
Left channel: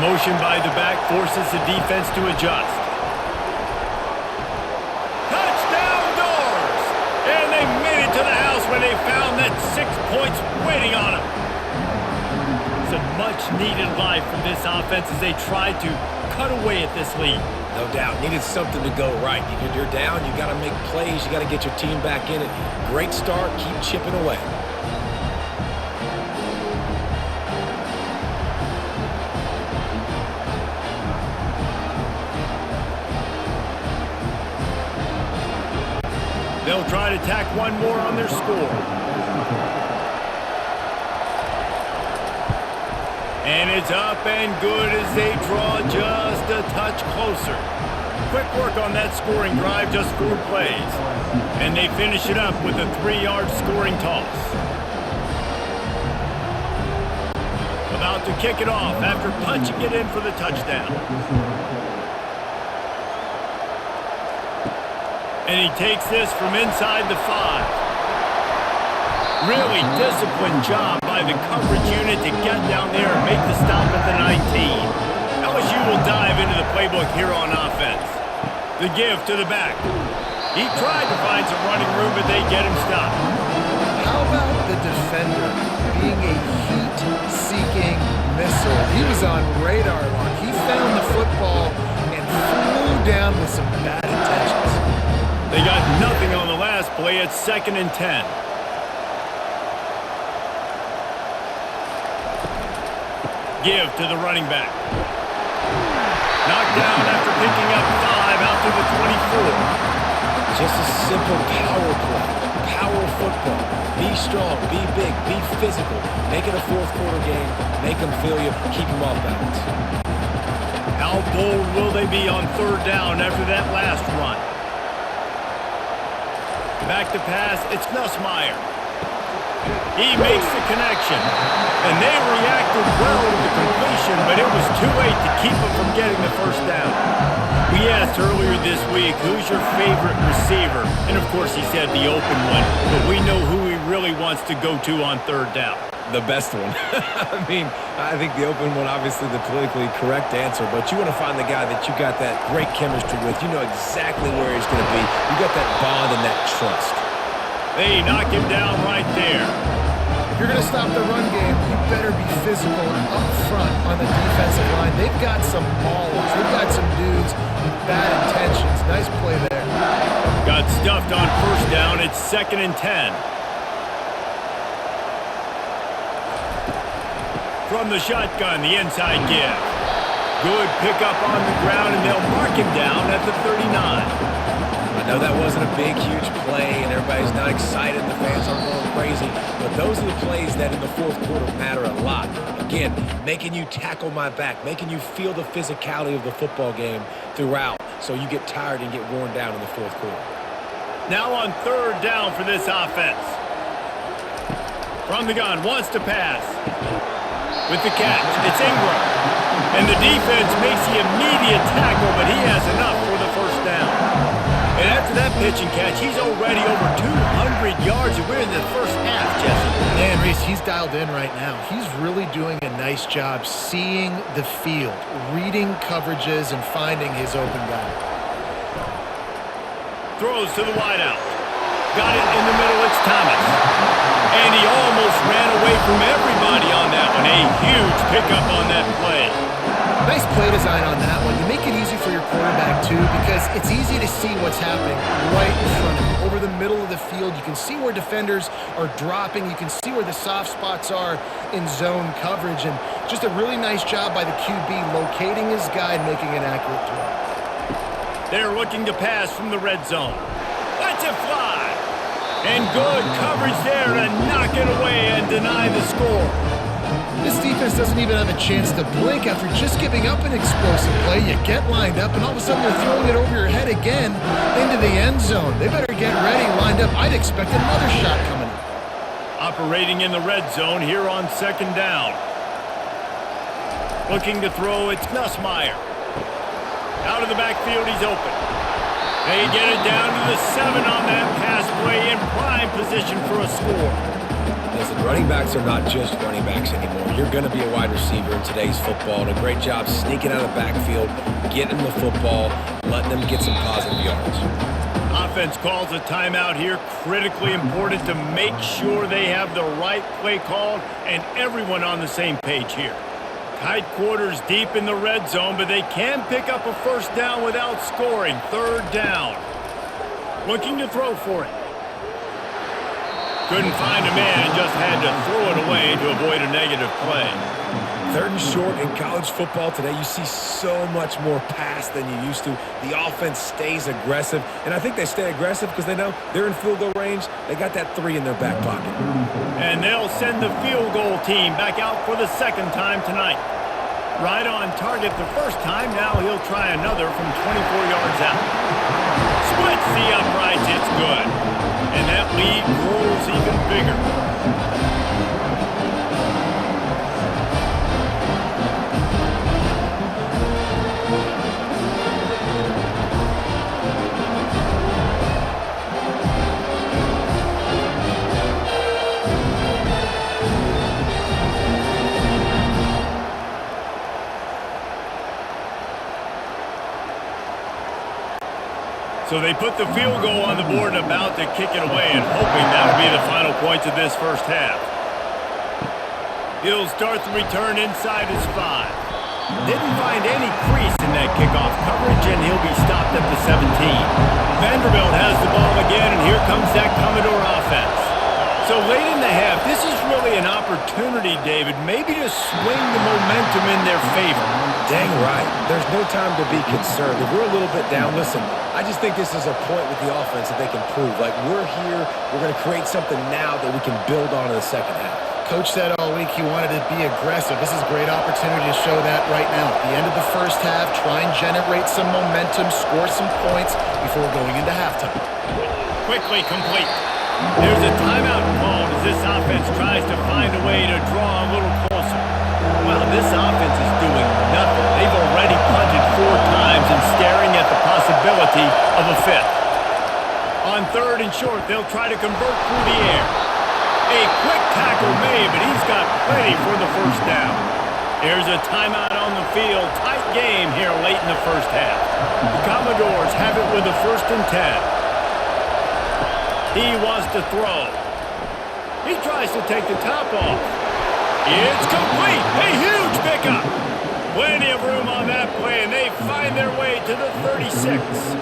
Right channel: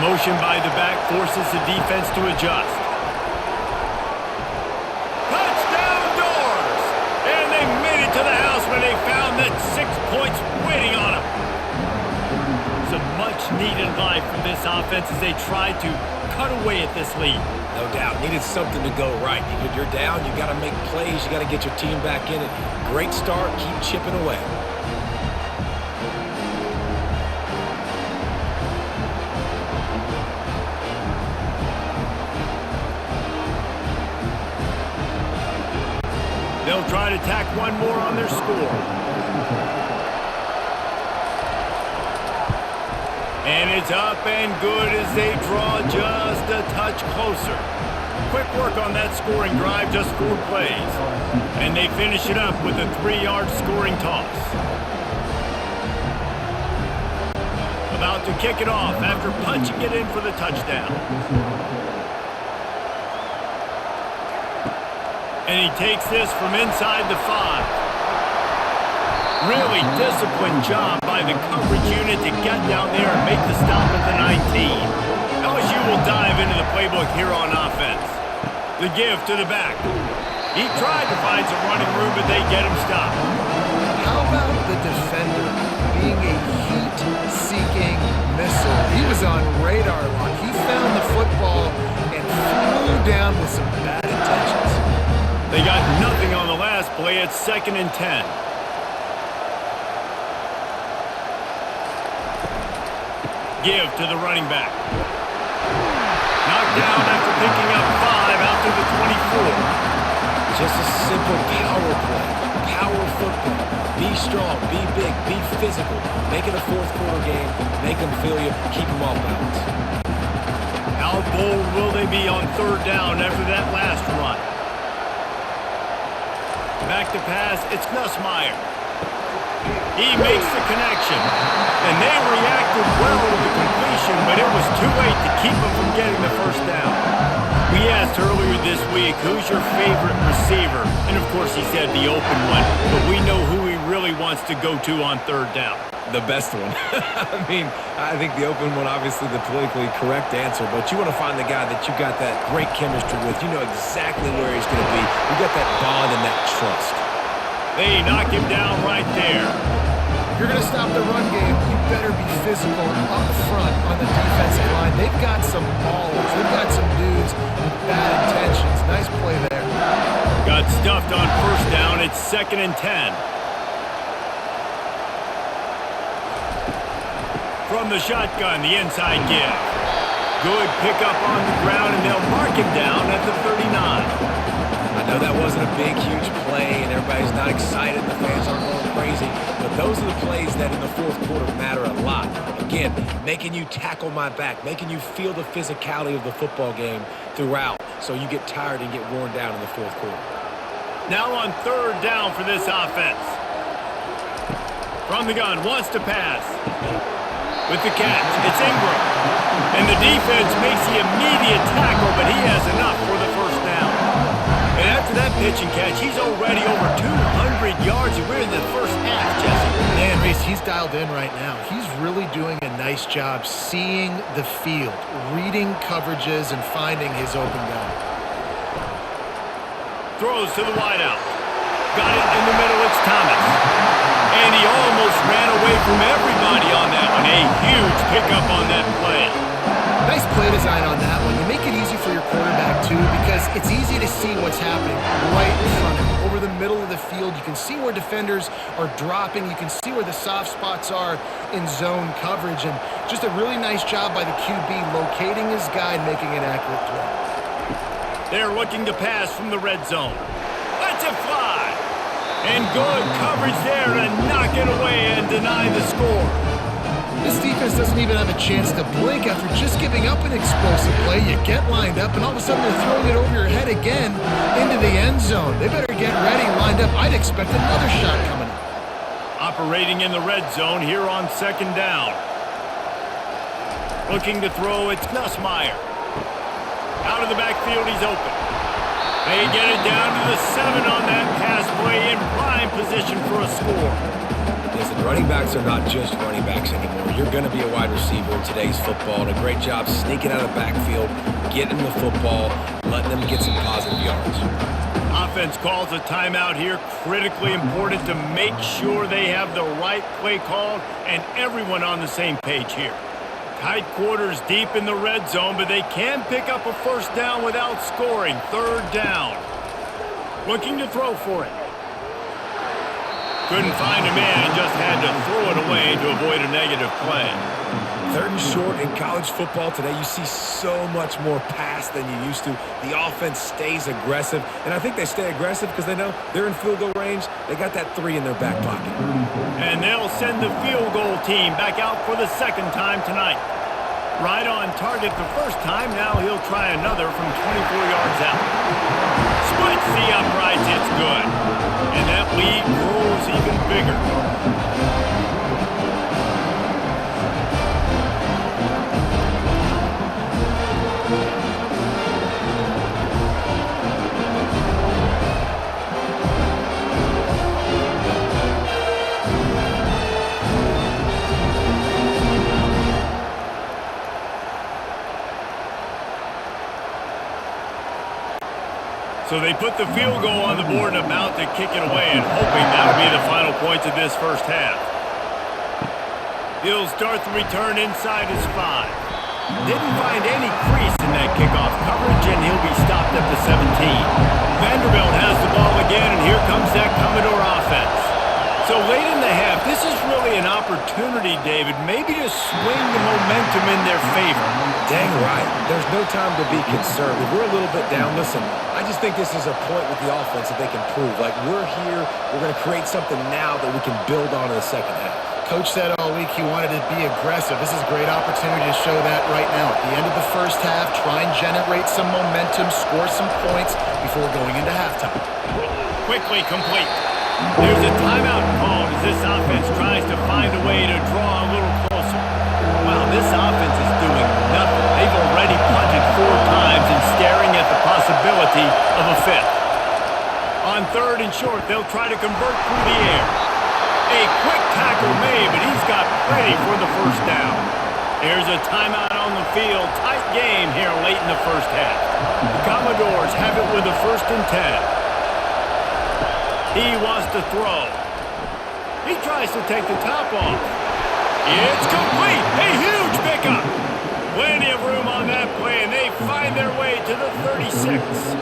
Motion by the back forces the defense to adjust. Touchdown Doors! And they made it to the house where they found that 6 points waiting on them. It's a much-needed life from this offense as they tried to cut away at this lead. No doubt. Needed something to go right. You're down. You got to make plays. You got to get your team back in it. Great start. Keep chipping away. They'll try to tack one more on their score. And it's up and good as they draw just a touch closer. Quick work on that scoring drive, just 4 plays. And they finish it up with a 3-yard scoring toss. About to kick it off after punching it in for the touchdown. And he takes this from inside the 5. Really disciplined job by the coverage unit to get down there and make the stop at the 19. LSU will dive into the playbook here on offense. The give to the back. He tried to find some running room, but they get him stopped. How about the defender being a heat-seeking missile? He was on radar lock. He found the football and flew down with some bad intentions. They got nothing on the last play. It's 2nd and 10. give to the running back. Knocked down after picking up 5 out to the 24. Just a simple power play, power football. Be strong, be big, be physical. Make it a fourth quarter game. Make them feel you. Keep them off balance. How bold will they be on third down after that last run? Back to pass, it's Nussmeier. He makes the connection, and they reacted well to the completion, but it was too late to keep them from getting the first down. We asked earlier this week, who's your favorite receiver? And of course he said the open one, but we know who he really wants to go to on third down. The best one. I mean, I think the open one, obviously the politically correct answer, but you want to find the guy that you got that great chemistry with. You know exactly where he's going to be. You got that bond and that trust. They knock him down right there. If you're going to stop the run game, you better be physical up front on the defensive line. They've got some maulers. They've got some dudes with bad intentions. Nice play there. Got stuffed on first down. It's 2nd and 10. From the shotgun, the inside give. Good pickup on the ground, and they'll mark him down at the 39. I know that wasn't a big, huge play, and everybody's not excited, and the fans aren't going crazy, but those are the plays that in the fourth quarter matter a lot. Again, making you tackle my back, making you feel the physicality of the football game throughout, so you get tired and get worn down in the fourth quarter. Now on third down for this offense. From the gun, wants to pass. With the catch, it's Ingram. And the defense makes the immediate tackle, but he has enough for the first down. And after that pitch and catch, he's already over 200 yards, and we're in the first half, Jesse. Man, Reese, he's dialed in right now. He's really doing a nice job seeing the field, reading coverages, and finding his open guy. Throws to the wideout. Got it in the middle, it's Thomas. And he almost ran away from everybody on that one. A huge pickup on that play. Nice play design on that one. You make it easy for your quarterback, too, because it's easy to see what's happening right in front of you. Over the middle of the field, you can see where defenders are dropping. You can see where the soft spots are in zone coverage. And just a really nice job by the QB locating his guy and making an accurate throw. They're looking to pass from the red zone. Let's it fly. And good coverage there to knock it away and deny the score. This defense doesn't even have a chance to blink after just giving up an explosive play. You get lined up, and all of a sudden they're throwing it over your head again into the end zone. They better get ready, lined up. I'd expect another shot coming up. Operating in the red zone here on 2nd down. Looking to throw, it's Nussmeier. Out of the backfield, he's open. They get it down to the 7 on that pass play in prime position for a score. Listen, running backs are not just running backs anymore. You're going to be a wide receiver in today's football, and a great job sneaking out of the backfield, getting the football, letting them get some positive yards. Offense calls a timeout here. Critically important to make sure they have the right play called and everyone on the same page here. Tight quarters deep in the red zone, but they can pick up a first down without scoring. 3rd down. Looking to throw for it. Couldn't find a man and just had to throw it away to avoid a negative play. 3rd and short in college football today, you see so much more pass than you used to. The offense stays aggressive, and I think they stay aggressive because they know they're in field goal range. They got that 3 in their back pocket. And they'll send the field goal team back out for the 2nd time tonight. Right on target the first time. Now he'll try another from 24 yards out. Splits the uprights. It's good. And that lead grows even bigger. So they put the field goal on the board and about to kick it away and hoping that would be the final points of this first half. He'll start the return inside his 5. Didn't find any crease in that kickoff coverage, and he'll be stopped at the 17. Vanderbilt has the ball again, and here comes that Commodore offense. So late in the half, this is really an opportunity, David, maybe to swing the momentum in their favor. Dang right. There's no time to be concerned. If we're a little bit down, listen, I just think this is a point with the offense that they can prove. Like, we're here, we're going to create something now that we can build on in the second half. Coach said all week he wanted to be aggressive. This is a great opportunity to show that right now. At the end of the first half, try and generate some momentum, score some points before going into halftime. Quickly complete. There's a timeout called as this offense tries to find a way to draw a little closer. Wow, this offense is doing nothing. They've already punted 4 times and staring at the possibility of a 5th. On 3rd and short, they'll try to convert through the air. A quick tackle made, but he's got plenty for the first down. There's a timeout on the field. Tight game here late in the first half. The Commodores have it with a 1st and 10. He wants to throw. He tries to take the top off. It's complete. A huge pickup. Plenty of room on that play, and they find their way to the 36.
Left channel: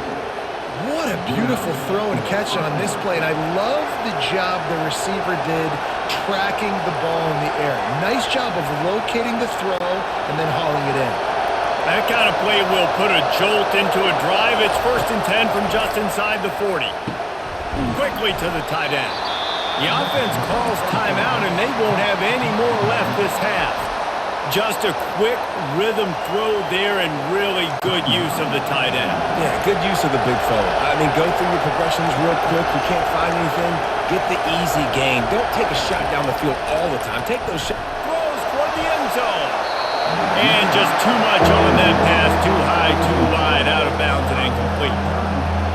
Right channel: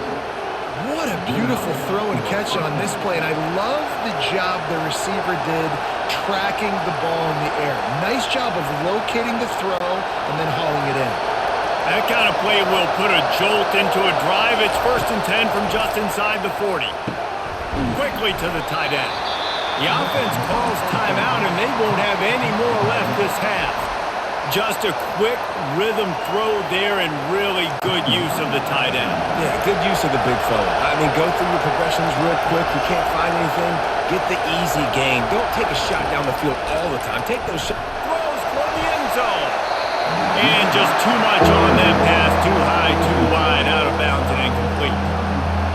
What a beautiful throw and catch on this play, and I love the job the receiver did tracking the ball in the air. Nice job of locating the throw and then hauling it in. That kind of play will put a jolt into a drive. It's 1st and 10 from just inside the 40. Quickly to the tight end. The offense calls timeout, and they won't have any more left this half. Just a quick rhythm throw there and really good use of the tight end. Yeah, good use of the big fella. I mean, go through your progressions real quick. You can't find anything. Get the easy gain. Don't take a shot down the field all the time. Take those shots. Throws toward the end zone. And just too much on that pass. Too high, too wide, out of bounds, and incomplete.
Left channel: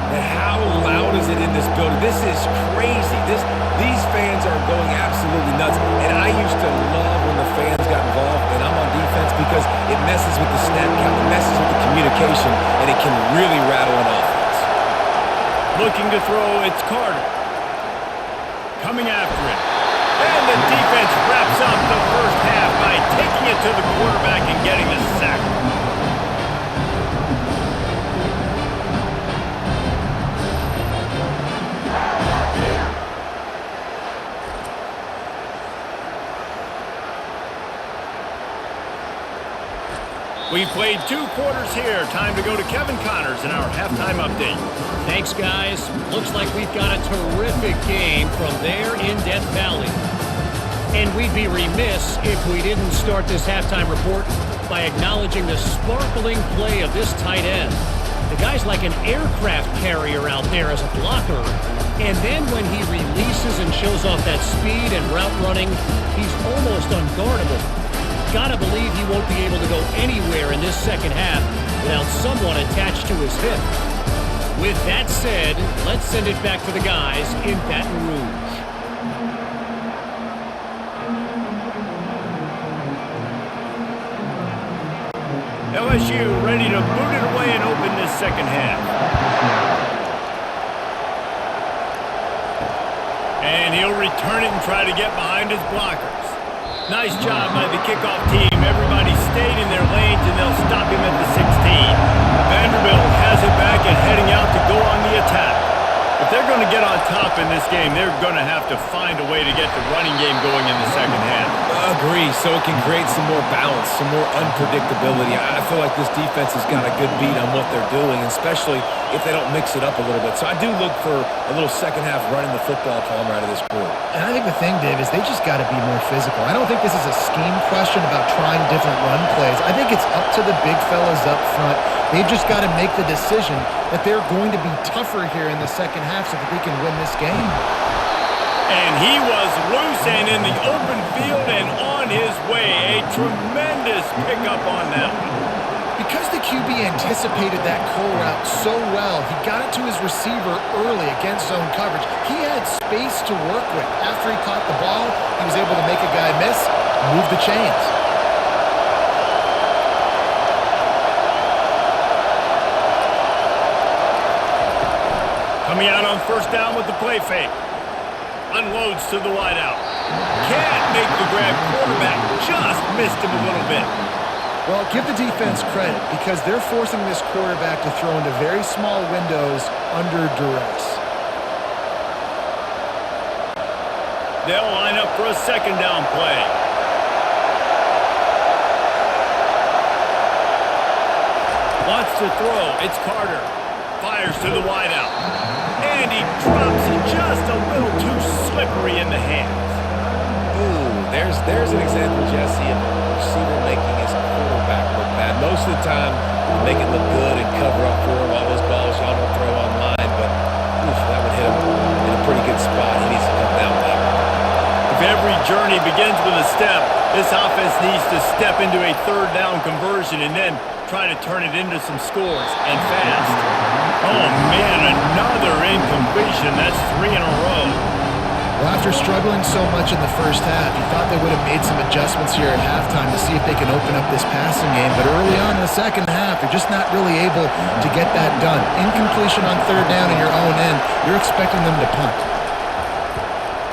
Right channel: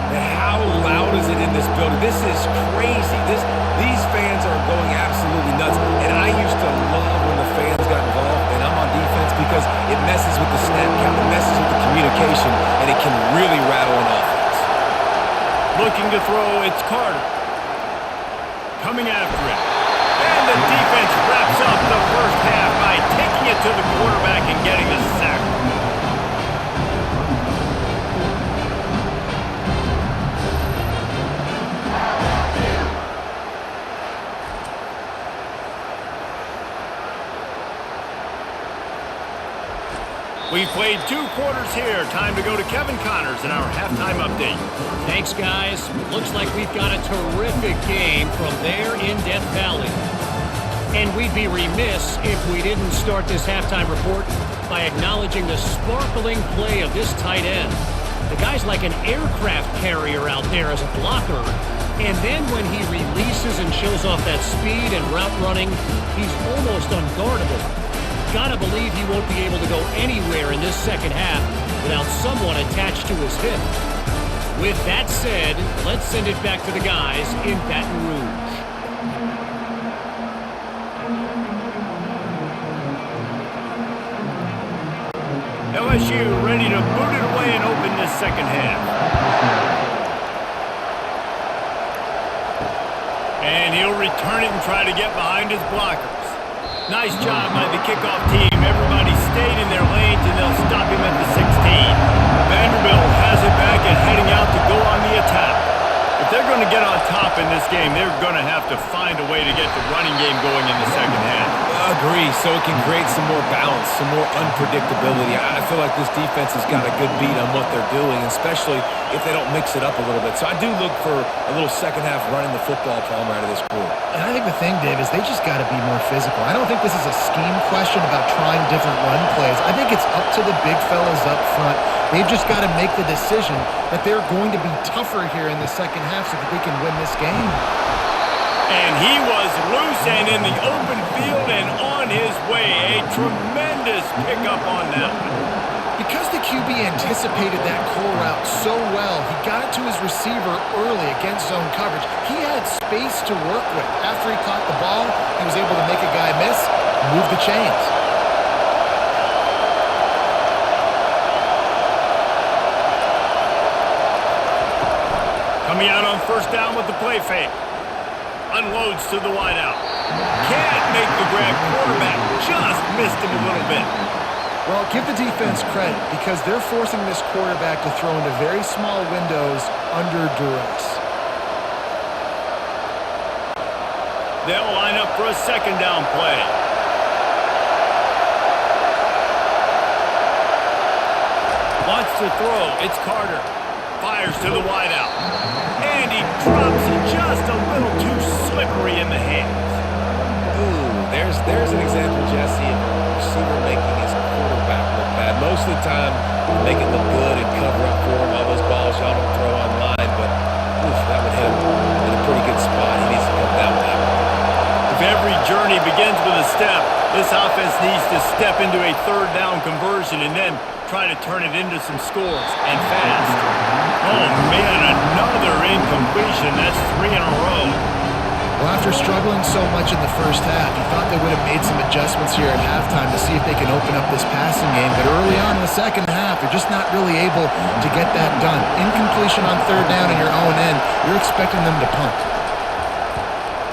And how loud is it in this building? This is crazy. These fans are going absolutely nuts. And I used to love when the fans got involved, and I'm on defense because it messes with the snap count, it messes with the communication, and it can really rattle an offense. Looking to throw, it's Carter. Coming after it. And the defense wraps up the first half by taking it to the quarterback and getting the sack. We've played 2 quarters here. Time to go to Kevin Connors in our halftime update. Thanks, guys. Looks like we've got a terrific game from there in Death Valley. And we'd be remiss if we didn't start this halftime report by acknowledging the sparkling play of this tight end. The guy's like an aircraft carrier out there as a blocker. And then when he releases and shows off that speed and route running, he's almost unguardable. Gotta believe he won't be able to go anywhere in this second half without someone attached to his hip. With that said, let's send it back to the guys in Baton Rouge. LSU ready to boot it away and open this second half. And he'll return it and try to get behind his blockers. Nice job by the kickoff team. Everybody stayed in their lanes, and they'll stop him at the 16. Vanderbilt has it back and heading out to go on the attack. If they're going to get on top in this game, they're going to have to find a way to get the running game going in the second half. Agree, so it can create some more balance, some more unpredictability. I feel like this defense has got a good beat on what they're doing, especially if they don't mix it up a little bit. So I do look for a little second half running the football palm out of this group. And I think the thing, Dave, is they just got to be more physical. I don't think this is a scheme question about trying different run plays. I think it's up to the big fellas up front. They've just got to make the decision that they're going to be tougher here in the second half so that they can win this game. And he was loose and in the open field and on his way. A tremendous pickup on that one. Because the QB anticipated that curl route so well, he got it to his receiver early against zone coverage. He had space to work with. After he caught the ball, he was able to make a guy miss, move the chains. Coming out on first down with the play fake. Unloads to the wideout. Can't make the grab. Quarterback just missed him a little bit. Well, give the defense credit because they're forcing this quarterback to throw into very small windows under duress. They'll line up for a second down play. Wants to throw. It's Carter. Fires to the wideout. And he drops it just a little too slippery in the hands. Ooh, there's an example, Jesse, of a receiver making his quarterback look bad. Most of the time, they make it look good and cover up for him. All those balls y'all don't throw online, but oof, that would hit him in a pretty good spot. He needs to come down with that one. If every journey begins with a step, this offense needs to step into a third down conversion and then try to turn it into some scores, and fast. Oh, man, another incompletion. That's 3 in a row. Well, after struggling so much in the first half, you thought they would have made some adjustments here at halftime to see if they can open up this passing game. But early on in the second half, they're just not really able to get that done. Incompletion on third down in your own end, you're expecting them to punt.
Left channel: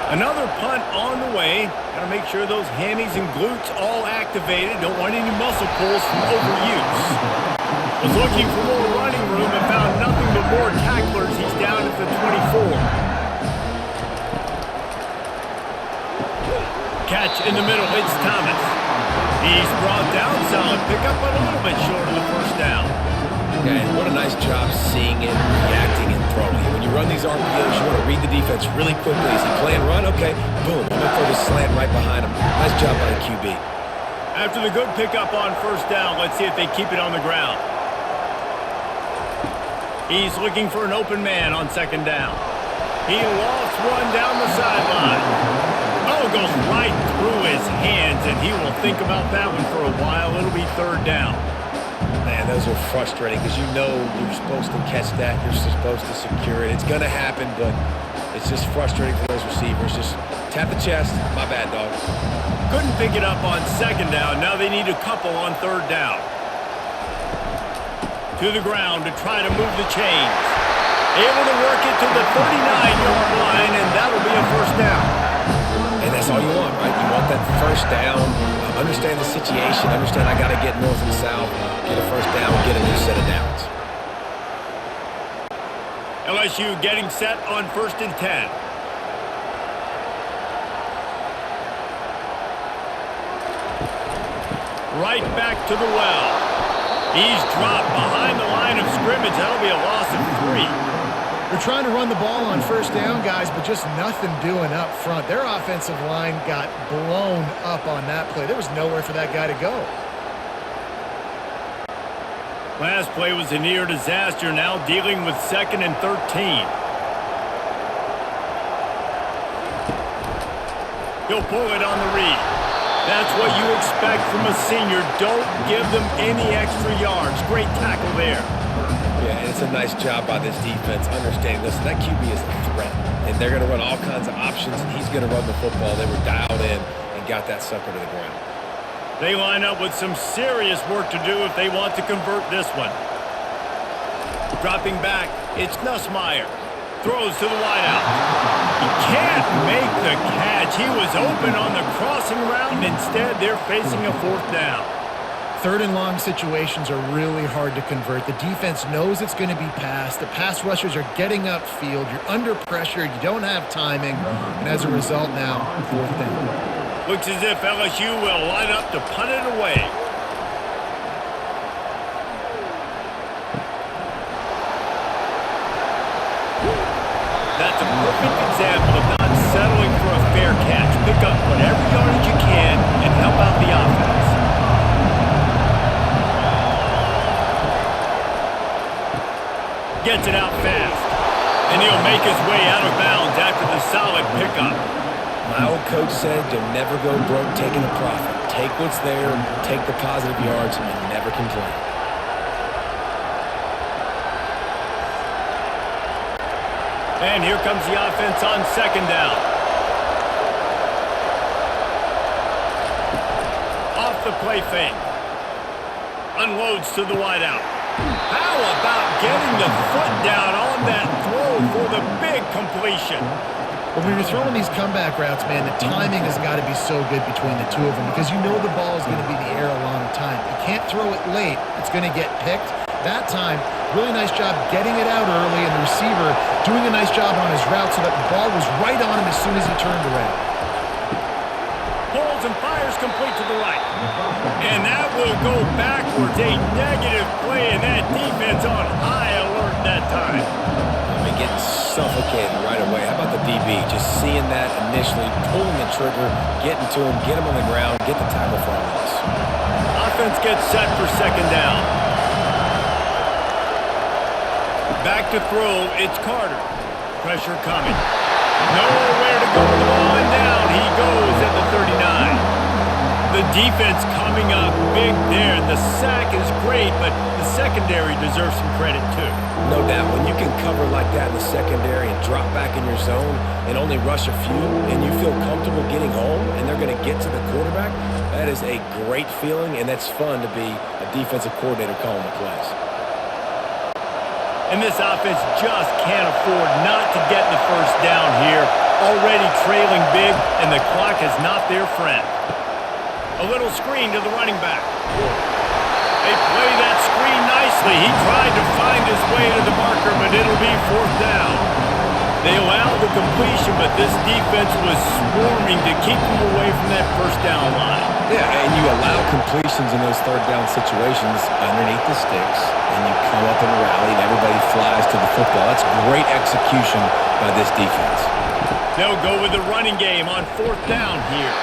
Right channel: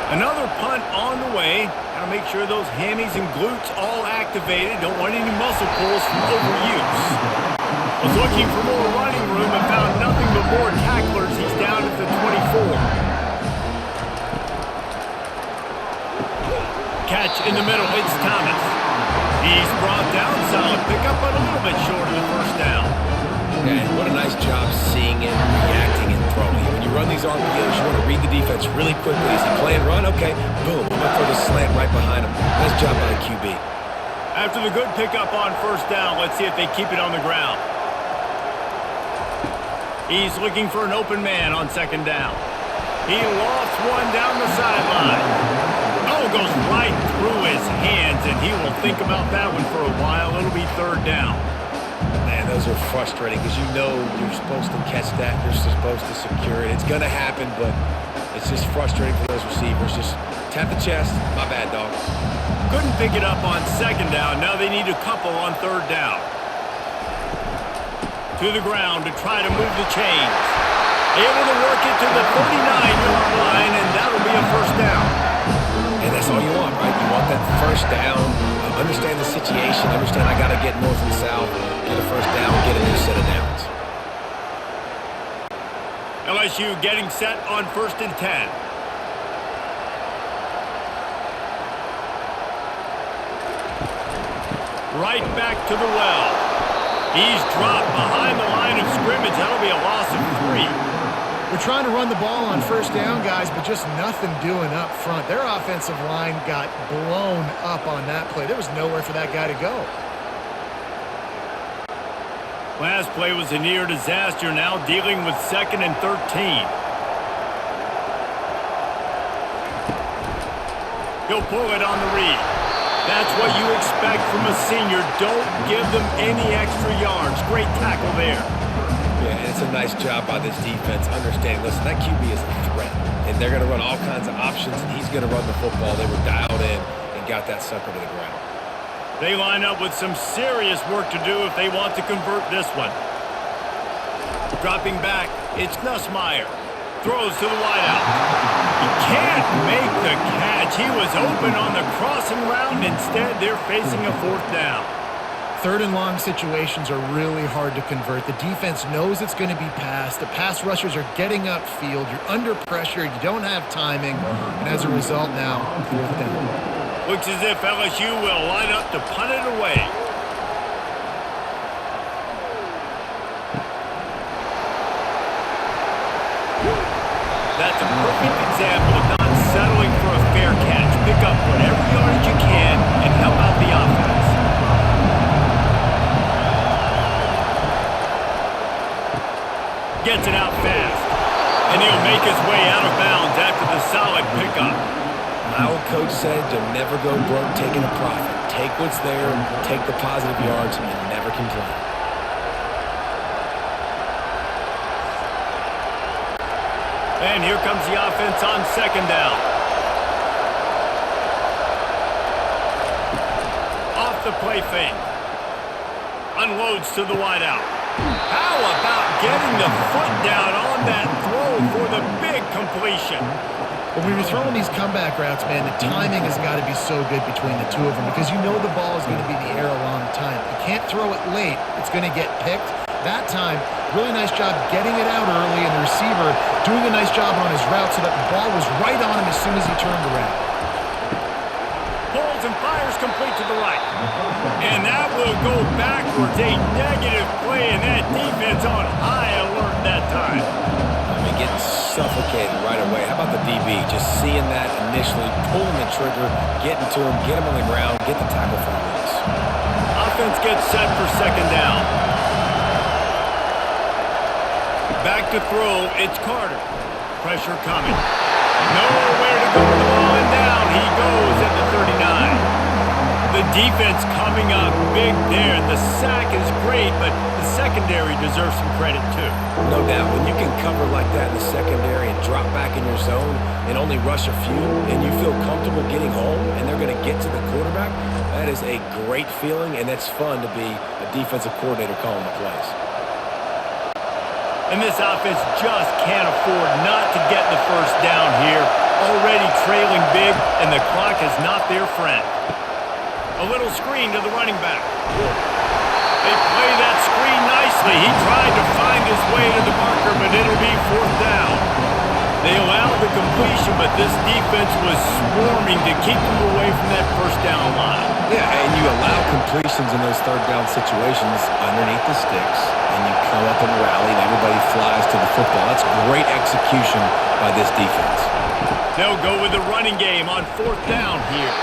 Another punt on the way. Got to make sure those hammies and glutes all activated. Don't want any muscle pulls from overuse. Was looking for more running room and found nothing but more tacklers. He's down at the 24. Catch in the middle. It's Thomas. He's brought down. Solid pickup, but a little bit short of the first down. Yeah, and what a nice job seeing it, reacting, and throwing it. When you run these RPOs, you want to read the defense really quickly. Is he playing run? Okay, boom. I'm going to throw the slant right behind him. Nice job by the QB. After the good pickup on first down, let's see if they keep it on the ground. He's looking for an open man on second down. He lofts one down the sideline. Oh, goes right through his hands, and he will think about that one for a while. It'll be third down. Man, those are frustrating because you know you're supposed to catch that. You're supposed to secure it. It's going to happen, but it's just frustrating for those receivers. Just tap the chest. My bad, dog. Couldn't pick it up on second down. Now they need a couple on third down. To the ground to try to move the chains. Able to work it to the 39-yard line, and that'll be a first down. And that's all you want, right? You want that first down. Understand the situation. Understand I got to get north and south, get a first down, get a new set of downs. LSU getting set on 1st and 10. Right back to the well. He's dropped behind the line of scrimmage. That'll be a loss of 3. They're trying to run the ball on first down, guys, but just nothing doing up front. Their offensive line got blown up on that play. There was nowhere for that guy to go. Last play was a near disaster, now dealing with 2nd and 13. He'll pull it on the read. That's what you expect from a senior. Don't give them any extra yards. Great tackle there. Yeah, and it's a nice job by this defense understanding, listen, that QB is a threat, and they're going to run all kinds of options, and he's going to run the football. They were dialed in and got that sucker to the ground. They line up with some serious work to do if they want to convert this one. Dropping back, it's Nussmeier. Throws to the wideout. He can't make the catch. He was open on the crossing route, and instead they're facing a 4th down. Third and long situations are really hard to convert. The defense knows it's going to be passed. The pass rushers are getting upfield. You're under pressure. You don't have timing. And as a result now, 4th down. Looks as if LSU will line up to punt it away. That's a perfect example of not settling for a fair catch. Pick up whatever yardage you can and help out the offense. Gets it out fast, and he'll make his way out of bounds after the solid pickup. My old coach said you'll never go broke taking a profit. Take what's there, take the positive yards, and never complain. And here comes the offense on second down. Off the play fake. Unloads to the wideout. How about getting the foot down on that throw for the big completion? When you're throwing these comeback routes, man, the timing has got to be so good between the two of them because you know the ball is going to be in the air a long time. You can't throw it late. It's going to get picked. That time, really nice job getting it out early, and the receiver doing a nice job on his route so that the ball was right on him as soon as he turned around. throws and fires complete to the right. And that will go backwards. A negative play, and that defense on high alert that time. I mean, getting suffocated right away. How about the DB? Just seeing that initially, pulling the trigger, getting to him, get him on the ground, get the tackle for a loss. Offense gets set for second down. Back to throw, it's Carter. Pressure coming. Nowhere to go with the ball, and down he goes at the 39. The defense coming up big there. The sack is great, but the secondary deserves some credit too. No doubt. When you can cover like that in the secondary and drop back in your zone and only rush a few, and you feel comfortable getting home and they're going to get to the quarterback, that is a great feeling, and that's fun to be a defensive coordinator calling the plays. And this offense just can't afford not to get the first down here. Already trailing big, and the clock is not their friend. A little screen to the running back. They play that screen nicely. He tried to find his way to the marker, but it'll be fourth down. They allowed the completion, but this defense was swarming to keep them away from that first down line. Yeah, and you allow completions in those third down situations underneath the sticks, and you come up and rally, and everybody flies to the football. That's great execution by this defense. They'll go with the running game on fourth down here.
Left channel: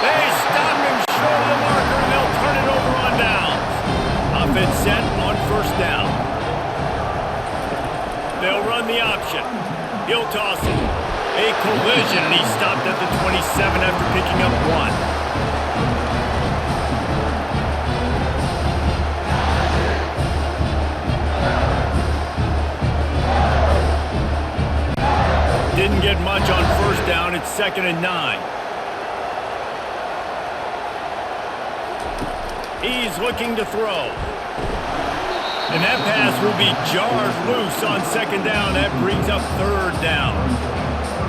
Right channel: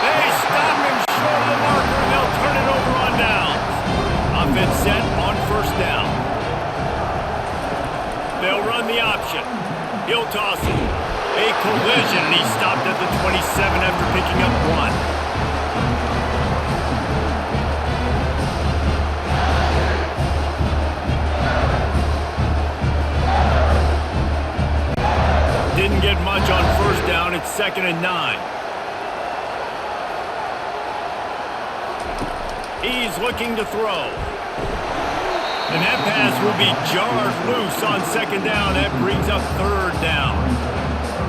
They stop him short of the marker, and they'll turn it over on downs. Offense set on first down. They'll run the option. He'll toss it. A collision, and he stopped at the 27 after picking up one. Didn't get much on first down. It's 2nd and 9. He's looking to throw. And that pass will be jarred loose on second down. That brings up third down.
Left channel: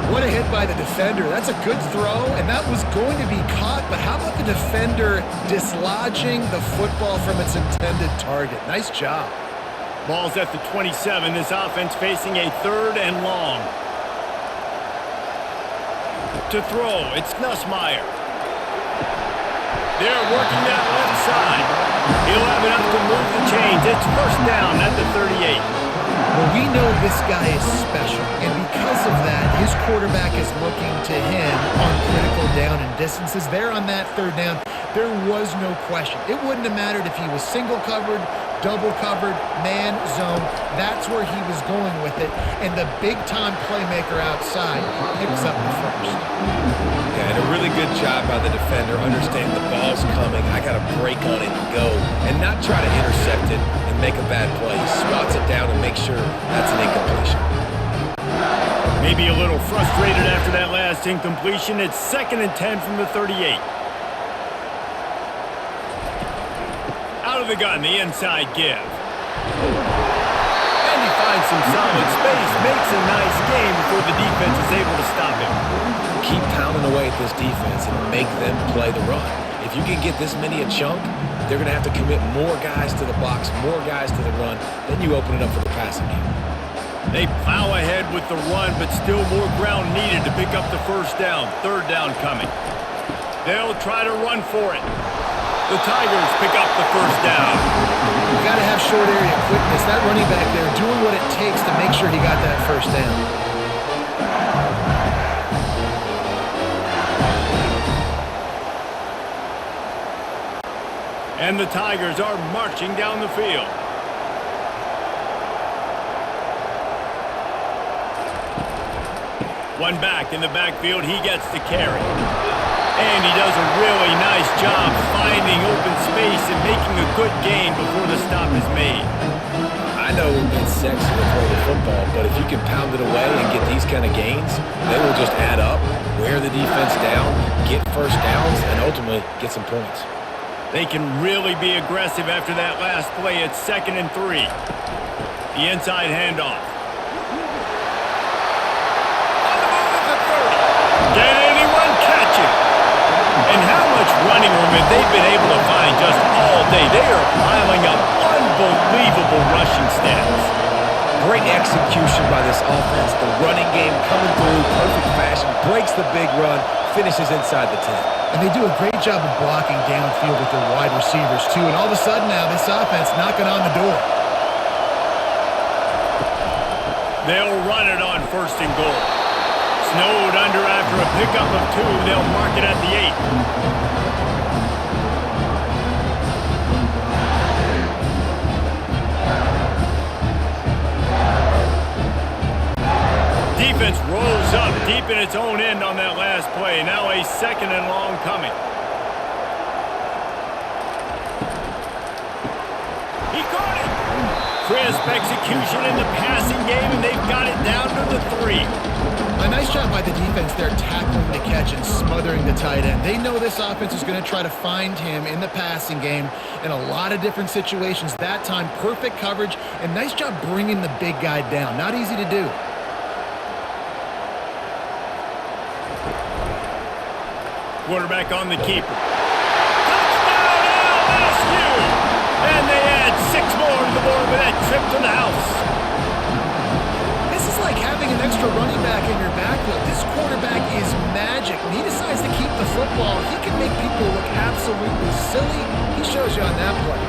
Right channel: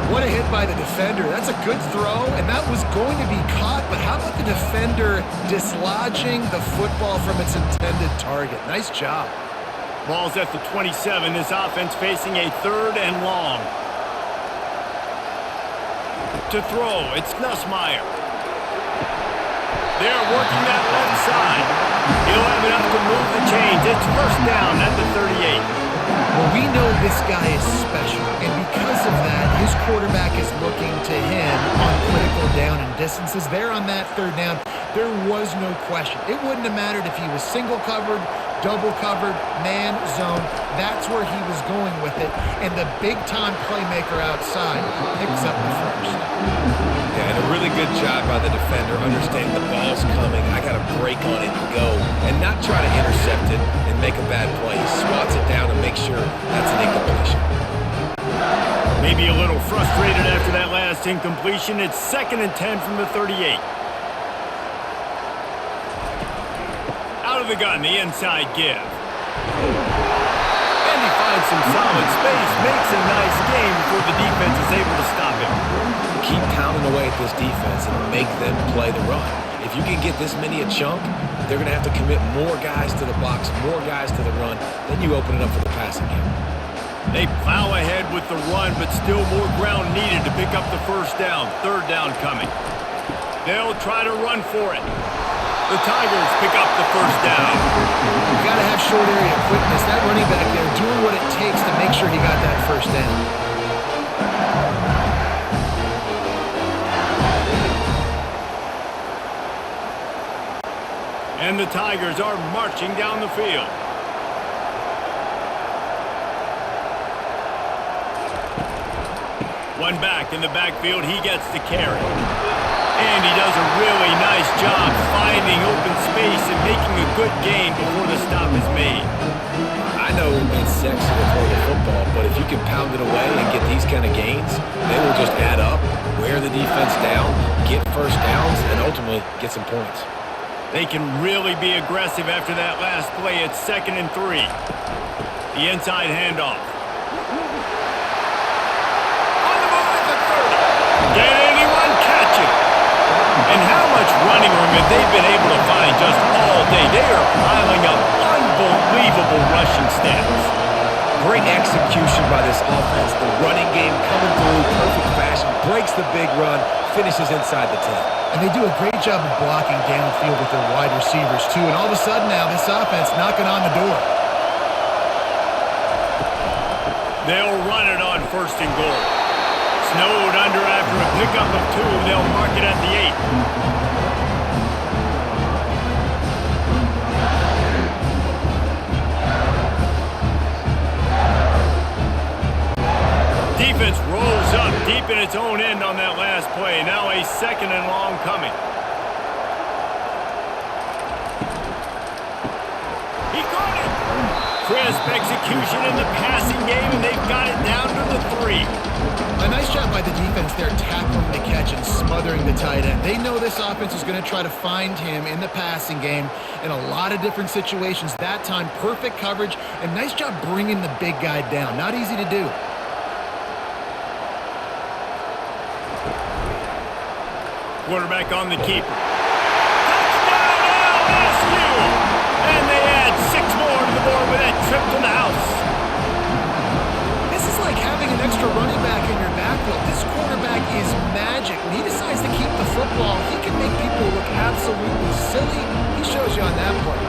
What a hit by the defender. That's a good throw, and that was going to be caught, but how about the defender dislodging the football from its intended target? Nice job. Ball's at the 27. This offense facing a 3rd and long. To throw, it's Nussmeier. They're working that left side. He'll have enough to move the chains. It's first down at the 38. Well, we know this guy is special, and because of that, his quarterback is looking to him on critical down and distances. There on that third down, there was no question. It wouldn't have mattered if he was single covered, double covered, man, zone. That's where he was going with it, and the big-time playmaker outside picks up the first. Yeah, and a really good job by the defender, understanding the ball's coming. I got to break on it and go, and not try to intercept it and make a bad play. He swats it down and makes sure that's an incompletion. Maybe a little frustrated after that last incompletion. It's 2nd and 10 from the 38. Out of the gun, the inside give. And he finds some solid space, makes a nice game before the defense is able to stop him. Keep pounding away at this defense and make them play the run. If you can get this many a chunk, they're going to have to commit more guys to the box, more guys to the run. Then you open it up for the passing game. They plow ahead with the run, but still more ground needed to pick up the first down. Third down coming. They'll try to run for it. The Tigers pick up the first down. You got to have short area quickness. That running back there doing what it takes to make sure he got that first down. And the Tigers are marching down the field. One back in the backfield, he gets the carry. And he does a really nice job finding open space and making a good gain before the stop is made. I know it's sexy to throw the football, but if you can pound it away and get these kind of gains, they will just add up, wear the defense down, get first downs, and ultimately get some points. They can really be aggressive after that last play. It's 2nd and 3. The inside handoff. On the move at the 30. Can anyone catch it? And how much running room have they been able to find just all day? They are piling up unbelievable rushing stats. Great execution by this offense. The running game coming through, perfect fashion, breaks the big run, finishes inside the 10. And they do a great job of blocking downfield with their wide receivers, too. And all of a sudden now, this offense knocking on the door. They'll run it on 1st and goal. Snowed under after a pickup of 2. They'll mark it at the 8. Defense rolls up deep in its own end on that last play. Now a 2nd and long coming. He caught it. Crisp execution in the passing game, and they've got it down to the 3. A nice job by the defense there, tackling the catch and smothering the tight end. They know this offense is going to try to find him in the passing game in a lot of different situations. That time, perfect coverage, and nice job bringing the big guy down. Not easy to do. Quarterback on the keeper. Touchdown LSU! And they add 6 more to the board with that trip to the house. This is like having an extra running back in your backfield. This quarterback is magic. When he decides to keep the football, he can make people look absolutely silly. He shows you on that play.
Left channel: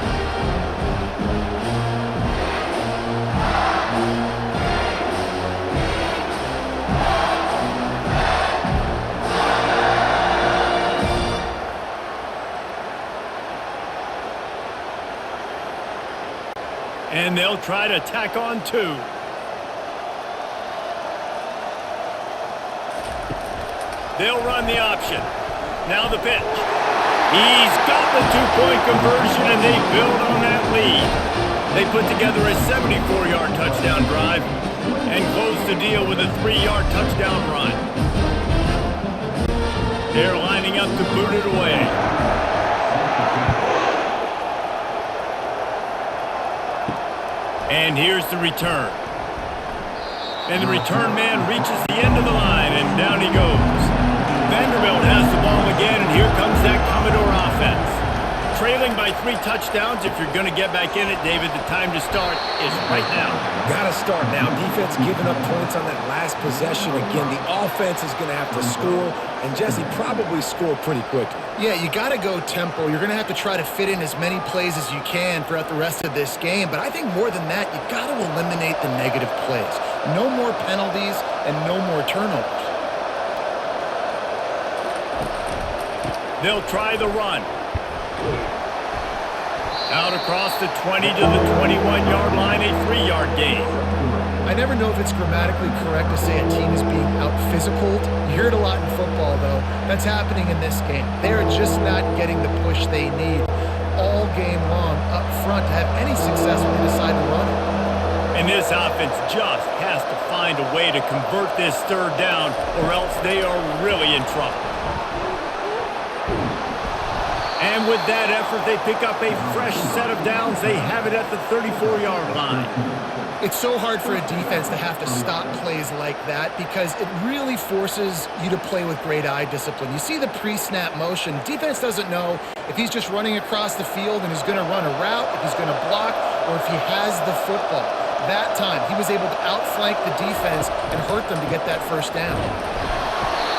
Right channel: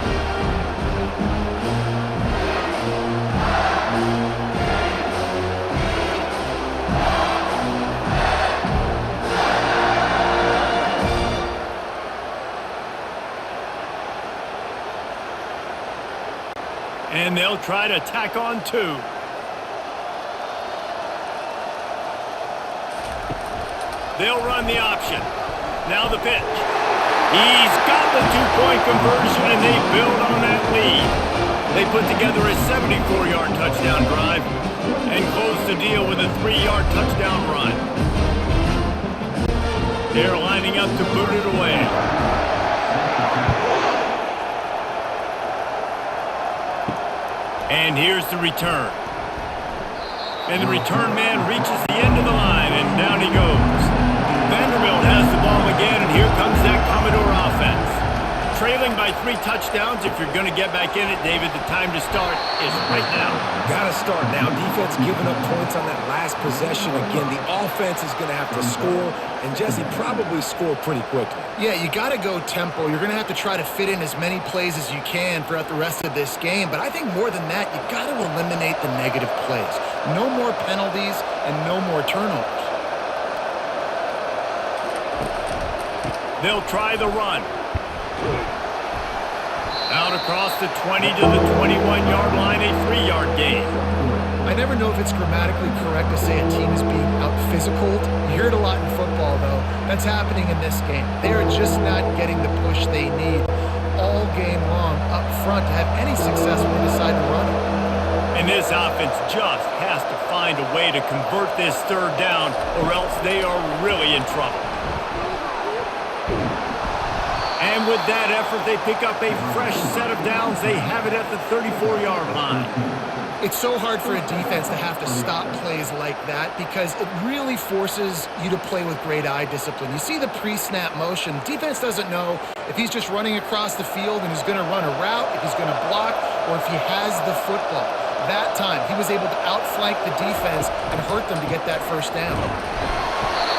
And they'll try to tack on 2. They'll run the option. Now the pitch. He's got the 2-point conversion, and they build on that lead. They put together a 74-yard touchdown drive and close the deal with a 3-yard touchdown run. They're lining up to boot it away. And here's the return. And the return man reaches the end of the line, and down he goes. Vanderbilt has the ball again, and here comes that Commodore offense. Trailing by 3 touchdowns. If you're going to get back in it, David, the time to start is right now. Got to start now. Defense giving up points on that last possession. Again, the offense is going to have to score, and Jesse probably score pretty quickly. Yeah, you got to go tempo. You're going to have to try to fit in as many plays as you can throughout the rest of this game. But I think more than that, you got to eliminate the negative plays. No more penalties and no more turnovers. They'll try the run. Out across the 20 to the 21-yard line, a 3-yard gain. I never know if it's grammatically correct to say a team is being out-physicaled. You hear it a lot in football, though. That's happening in this game. They are just not getting the push they need all game long up front to have any success when they decide to run it. And this offense just has to find a way to convert this 3rd down, or else they are really in trouble. And with that effort, they pick up a fresh set of downs. They have it at the 34-yard line. It's so hard for a defense to have to stop plays like that because it really forces you to play with great eye discipline. You see the pre-snap motion. Defense doesn't know if he's just running across the field and he's going to run a route, if he's going to block, or if he has the football. That time, he was able to outflank the defense and hurt them to get that 1st down.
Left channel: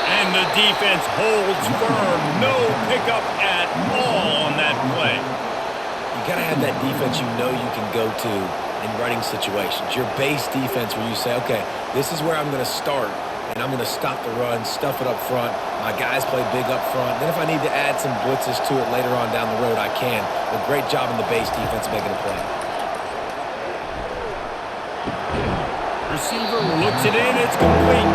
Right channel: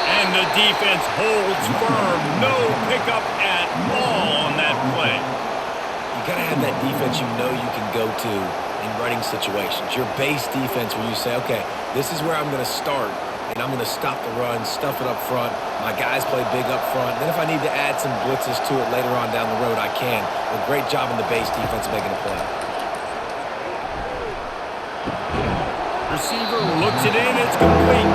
And the defense holds firm. No pickup at all on that play. You got to have that defense you know you can go to in running situations. Your base defense where you say, okay, this is where I'm going to start, and I'm going to stop the run, stuff it up front. My guys play big up front. Then if I need to add some blitzes to it later on down the road, I can. But great job in the base defense making a play. Receiver looks it in. It's complete.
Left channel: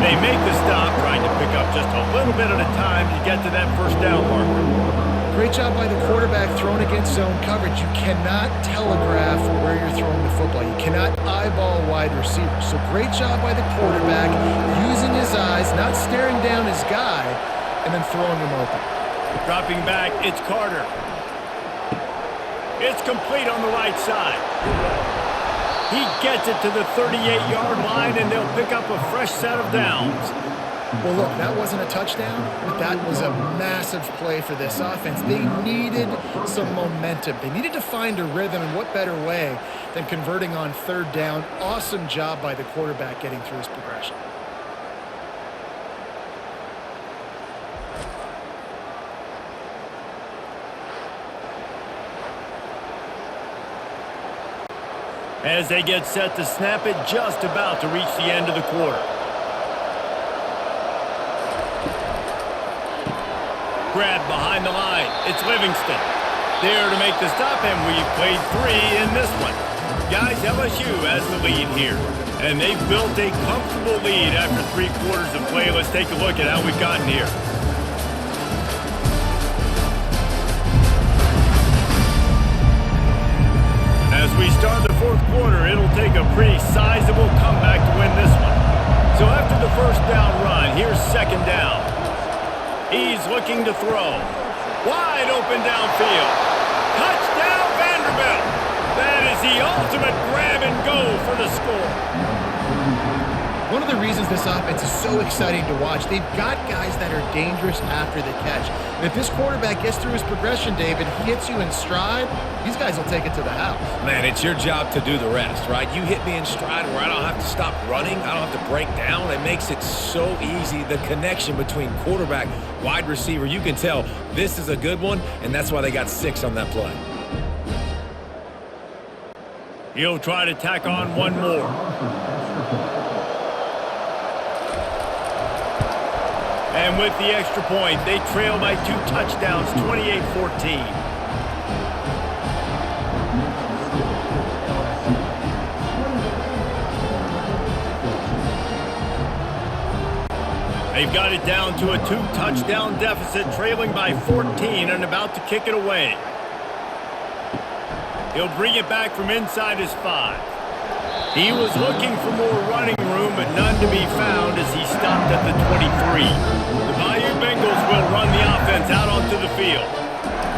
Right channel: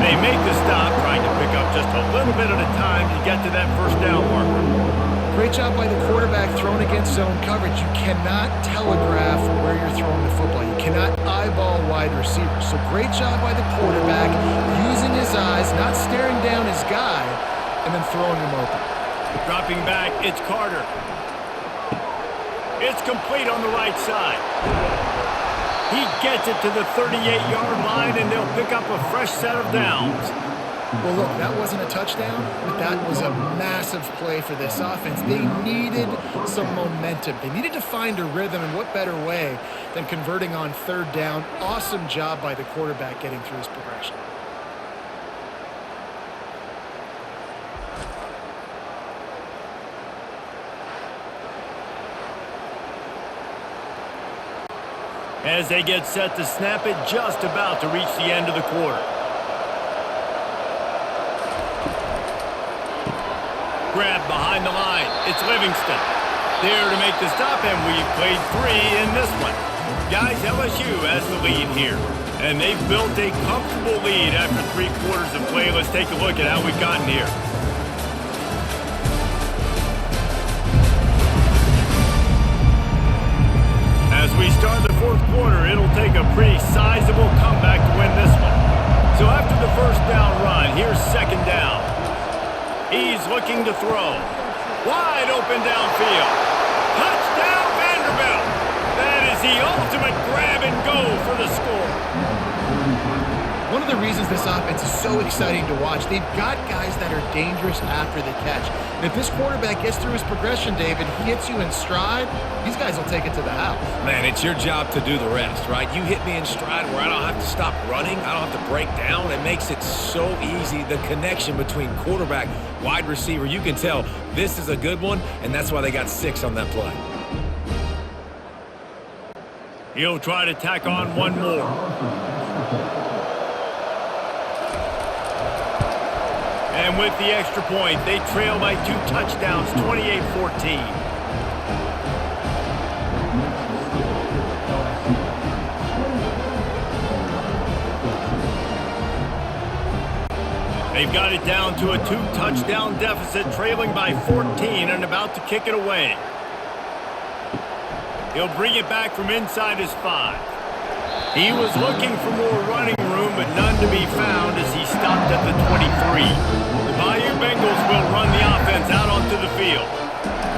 They make the stop, trying to pick up just a little bit at a time to get to that 1st down marker. Great job by the quarterback throwing against zone coverage. You cannot telegraph where you're throwing the football. You cannot eyeball wide receivers. So great job by the quarterback using his eyes, not staring down his guy, and then throwing him open. Dropping back, it's Carter. It's complete on the right side. He gets it to the 38-yard line, and they'll pick up a fresh set of downs. Well, look, that wasn't a touchdown, but that was a massive play for this offense. They needed some momentum. They needed to find a rhythm, and what better way than converting on third down. Awesome job by the quarterback getting through his progression. As they get set to snap it, just about to reach the end of the quarter. Grab behind the line. It's Livingston. There to make the stop, and we've played 3 in this one. Guys, LSU has the lead here. And they've built a comfortable lead after 3 quarters of play. Let's take a look at how we've gotten here. As we start the 4th quarter, it'll take a pretty sizable comeback to win this one. So after the first down run, here's 2nd down. He's looking to throw. Wide open downfield. Touchdown, Vanderbilt. That is the ultimate grab and go for the score. One of the reasons this offense is so exciting to watch, they've got guys that are dangerous after the catch. And if this quarterback gets through his progression, David, he hits you in stride, these guys will take it to the house. Man, it's your job to do the rest, right? You hit me in stride where I don't have to stop running. I don't have to break down. It makes it so easy. The connection between quarterback, wide receiver, you can tell this is a good one, and that's why they got 6 on that play. He'll try to tack on one more. And with the extra point, they trail by 2 touchdowns, 28-14. They've got it down to a 2-touchdown deficit, trailing by 14 and about to kick it away. He'll bring it back from inside his 5. He was looking for more running room, but none to be found as he stopped at the 23. The Bayou Bengals will run the offense out onto the field.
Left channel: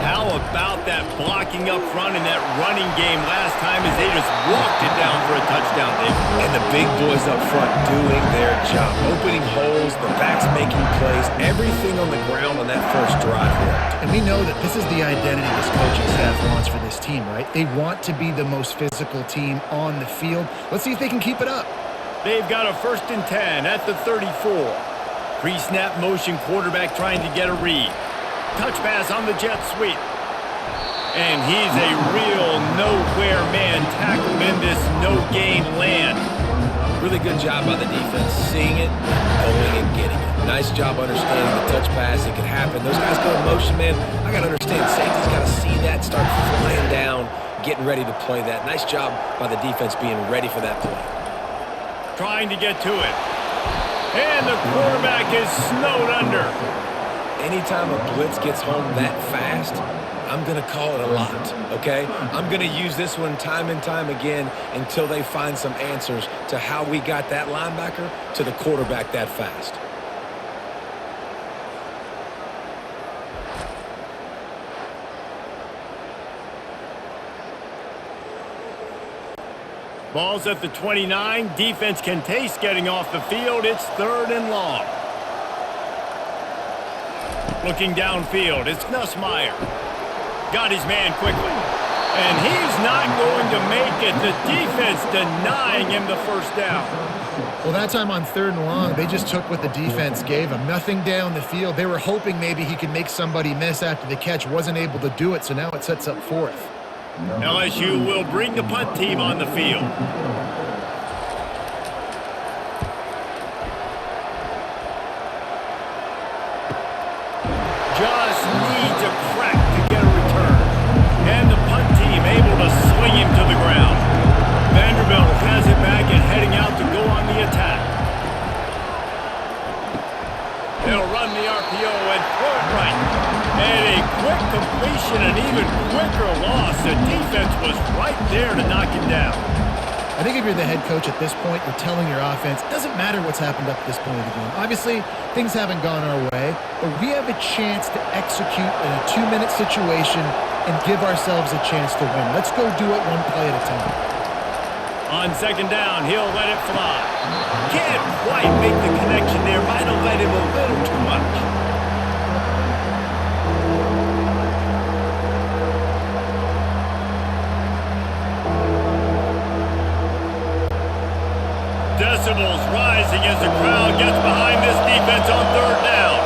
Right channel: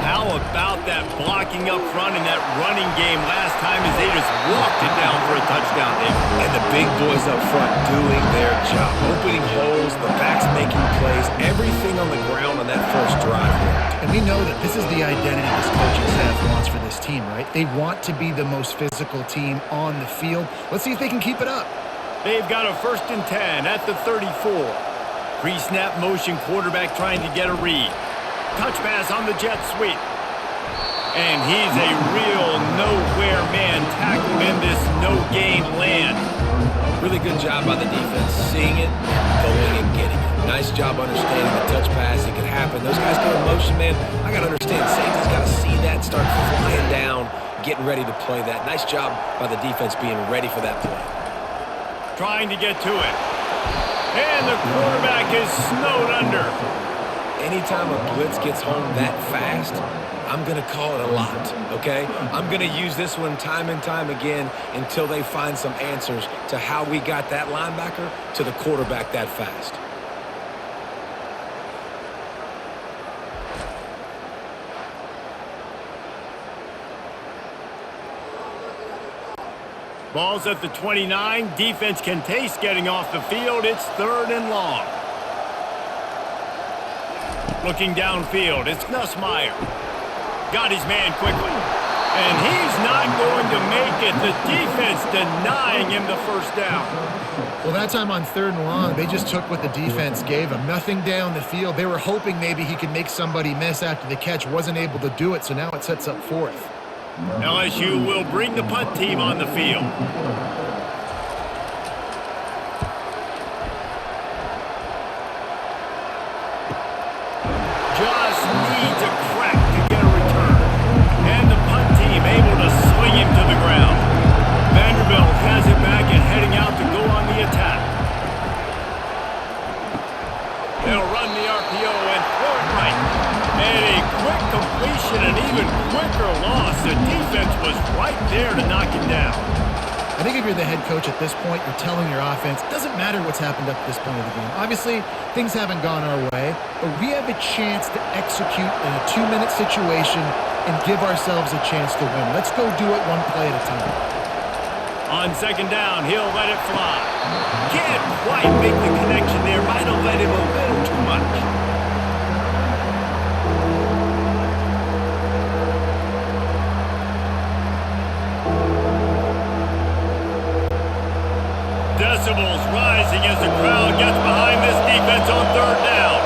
How about that blocking up front in that running game last time as they just walked it down for a touchdown, David? And the big boys up front doing their job. Opening holes, the backs making plays, everything on the ground on that first drive worked. And we know that this is the identity this coaching staff wants for this team, right? They want to be the most physical team on the field. Let's see if they can keep it up. They've got a 1st and 10 at the 34. Pre-snap motion quarterback trying to get a read. Touch pass on the jet sweep. And he's a real nowhere man tackled in this no-gain land. Really good job by the defense, seeing it and going and getting it. Nice job understanding the touch pass. It could happen. Those guys go in motion, man. I got to understand. Safety's got to see that, start flying down, getting ready to play that. Nice job by the defense being ready for that play. Trying to get to it. And the quarterback is snowed under. Anytime a blitz gets home that fast, I'm going to call it a lot, okay? I'm going to use this one time and time again until they find some answers to how we got that linebacker to the quarterback that fast. Ball's at the 29. Defense can taste getting off the field. It's 3rd and long. Looking downfield, it's Nussmeier. Got his man quickly. And he's not going to make it. The defense denying him the 1st down. Well, that time on 3rd and long, they just took what the defense gave him. Nothing down the field. They were hoping maybe he could make somebody miss after the catch. Wasn't able to do it, so now it sets up 4th. LSU will bring the punt team on the field. Just needs a crack to get a return. And the punt team able to sling him to the ground. Vanderbilt has it back and heading out to go on the attack. They'll run the RPO and throw it right. And a quick completion, an even quicker loss. The defense was right there to knock him down. I think if you're the head coach at this point, you're telling your offense, it doesn't matter what's happened up to this point of the game. Obviously, things haven't gone our way, but we have a chance to execute in a 2-minute situation and give ourselves a chance to win. Let's go do it one play at a time. On second down, he'll let it fly. Can't quite make the connection there. Might have let him a little too much. Decibels rising as the crowd gets behind this defense on third down.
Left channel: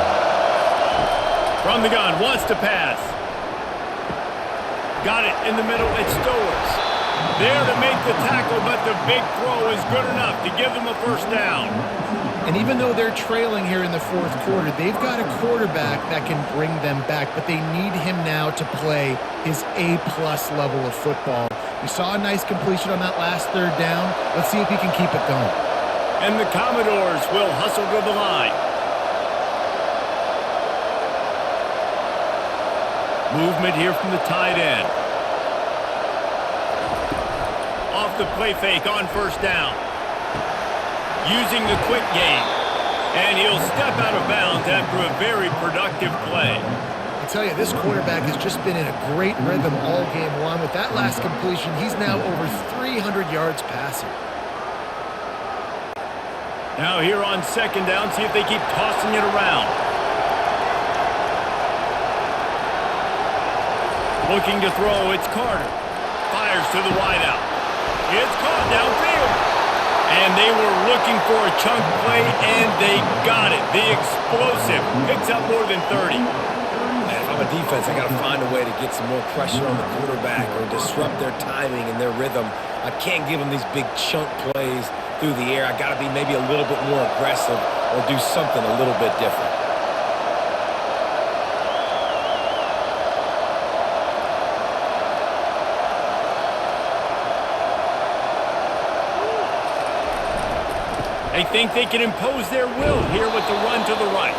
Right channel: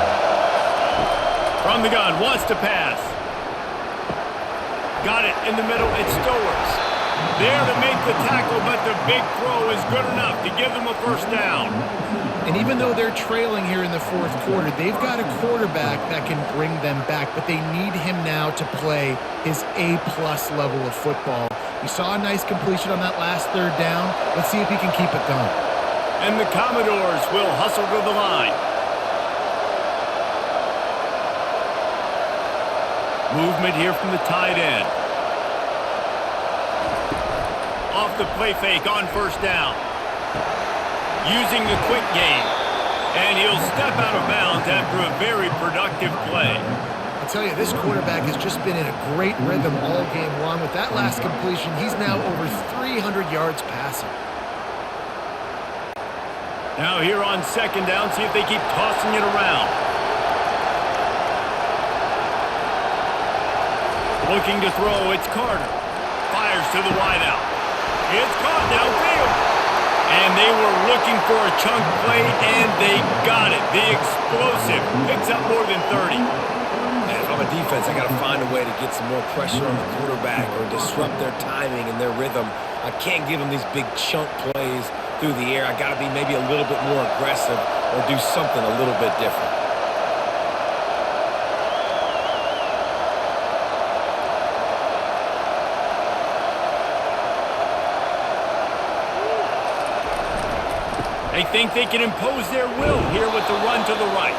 From the gun, wants to pass. Got it in the middle, it's Stowers. There to make the tackle, but the big throw is good enough to give them a first down. And even though they're trailing here in the fourth quarter, they've got a quarterback that can bring them back, but they need him now to play his A-plus level of football. We saw a nice completion on that last third down. Let's see if he can keep it going. And the Commodores will hustle to the line. Movement here from the tight end. Off the play fake on first down. Using the quick game. And he'll step out of bounds after a very productive play. I'll tell you, this quarterback has just been in a great rhythm all game long. With that last completion, he's now over 300 yards passing. Now here on second down, see if they keep tossing it around. Looking to throw, it's Carter. Fires to the wideout. It's caught downfield. And they were looking for a chunk play, and they got it. The explosive picks up more than 30. Man, if I'm a defense, I got to find a way to get some more pressure on the quarterback or disrupt their timing and their rhythm. I can't give them these big chunk plays through the air. I got to be maybe a little bit more aggressive or do something a little bit different. They think they can impose their will here with the run to the right.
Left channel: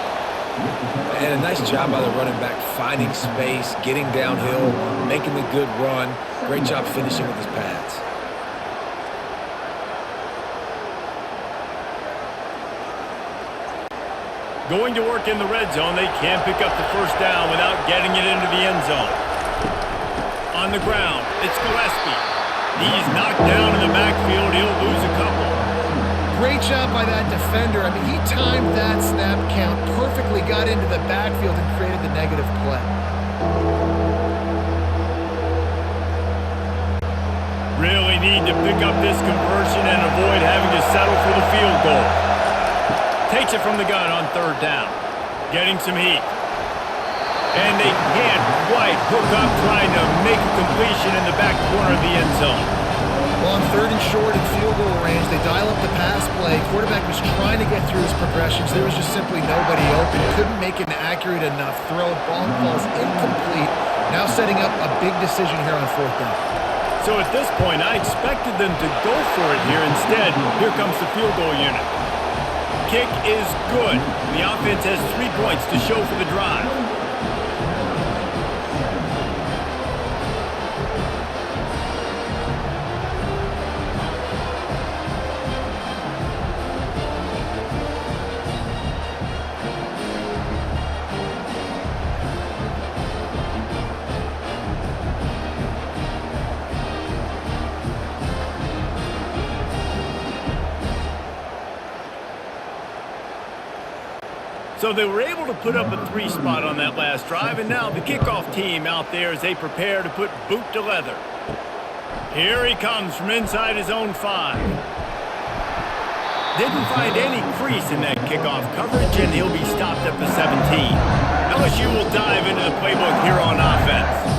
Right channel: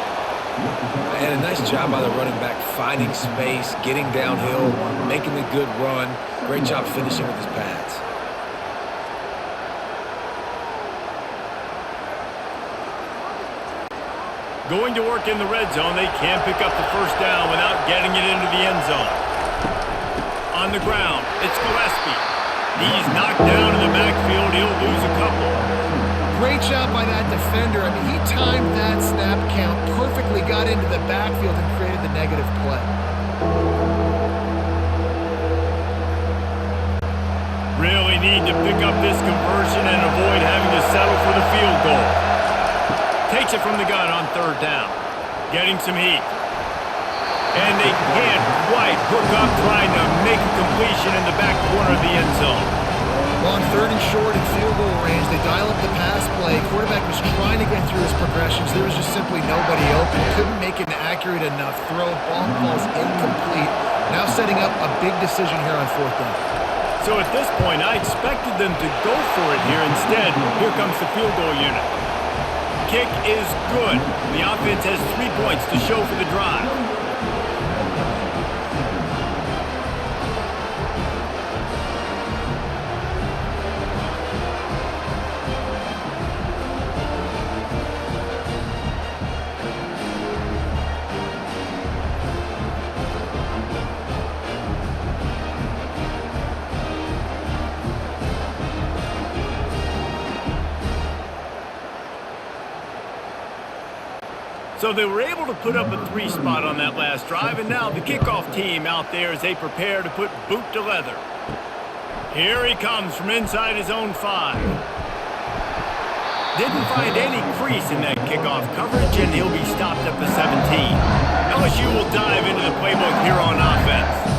And a nice job by the running back, finding space, getting downhill, making the good run. Great job finishing with his pads. Going to work in the red zone. They can't pick up the first down without getting it into the end zone. On the ground, it's Gillespie. He's knocked down in the backfield. He'll lose a couple. Great job by that defender. I mean, he timed that snap count perfectly, got into the backfield and created the negative play. Really need to pick up this conversion and avoid having to settle for the field goal. Takes it from the gun on third down. Getting some heat. And they can't quite hook up trying to make a completion in the back corner of the end zone. Well, on third and short and field goal range, they dial up the pass play. Quarterback was trying to get through his progressions. There was just simply nobody open. Couldn't make an accurate enough throw. Ball falls incomplete. Now setting up a big decision here on fourth down. So at this point, I expected them to go for it here. Instead, here comes the field goal unit. Kick is good. The offense has 3 points to show for the drive. So they were able to put up a 3 spot on that last drive, and now the kickoff team out there as they prepare to put boot to leather. Here he comes from inside his own 5. Didn't find any crease in that kickoff coverage, and he'll be stopped at the 17. LSU will dive into the playbook here on offense.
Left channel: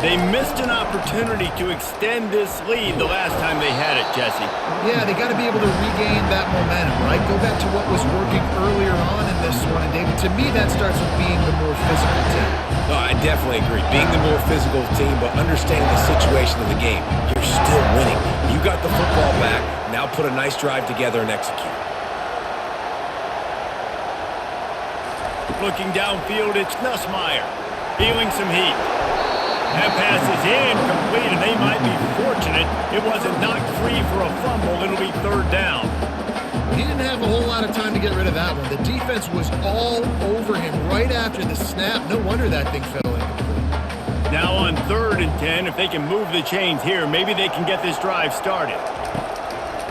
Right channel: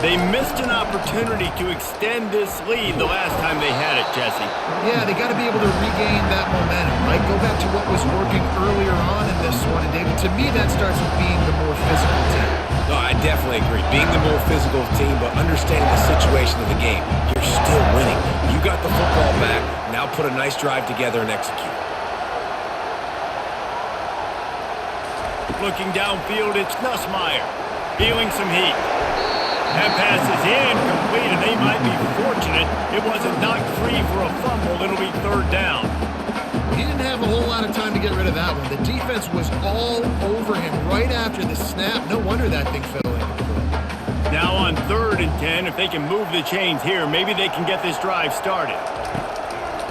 They missed an opportunity to extend this lead the last time they had it, Jesse. Yeah, they got to be able to regain that momentum, right? Go back to what was working earlier on in this one. And, David, to me, that starts with being the more physical team. No, I definitely agree. Being the more physical team, but understanding the situation of the game. You're still winning. You got the football back. Now put a nice drive together and execute. Looking downfield, it's Nussmeier. Feeling some heat. That pass is incomplete, and they might be fortunate it wasn't knocked free for a fumble. It'll be third down. He didn't have a whole lot of time to get rid of that one. The defense was all over him right after the snap. No wonder that thing fell incomplete. Now on 3rd and 10, if they can move the chains here, maybe they can get this drive started.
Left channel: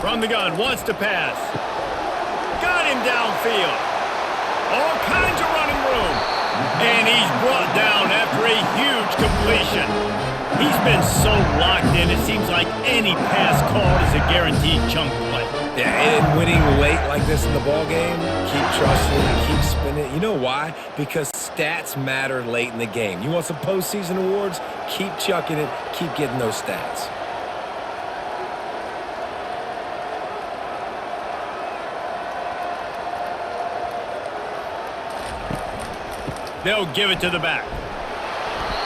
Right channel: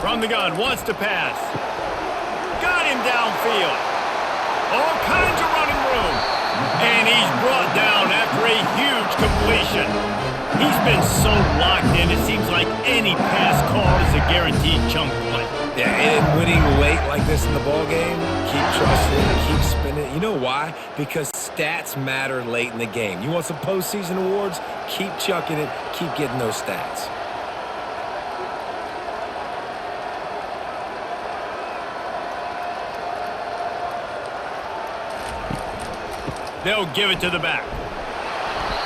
From the gun, wants to pass. Got him downfield. All kinds of running room. And he's brought down after a huge completion. He's been so locked in, it seems like any pass called is a guaranteed chunk play. Yeah, and winning late like this in the ball game, keep trusting, keep spinning. You know why? Because stats matter late in the game. You want some postseason awards? Keep chucking it, keep getting those stats. They'll give it to the back.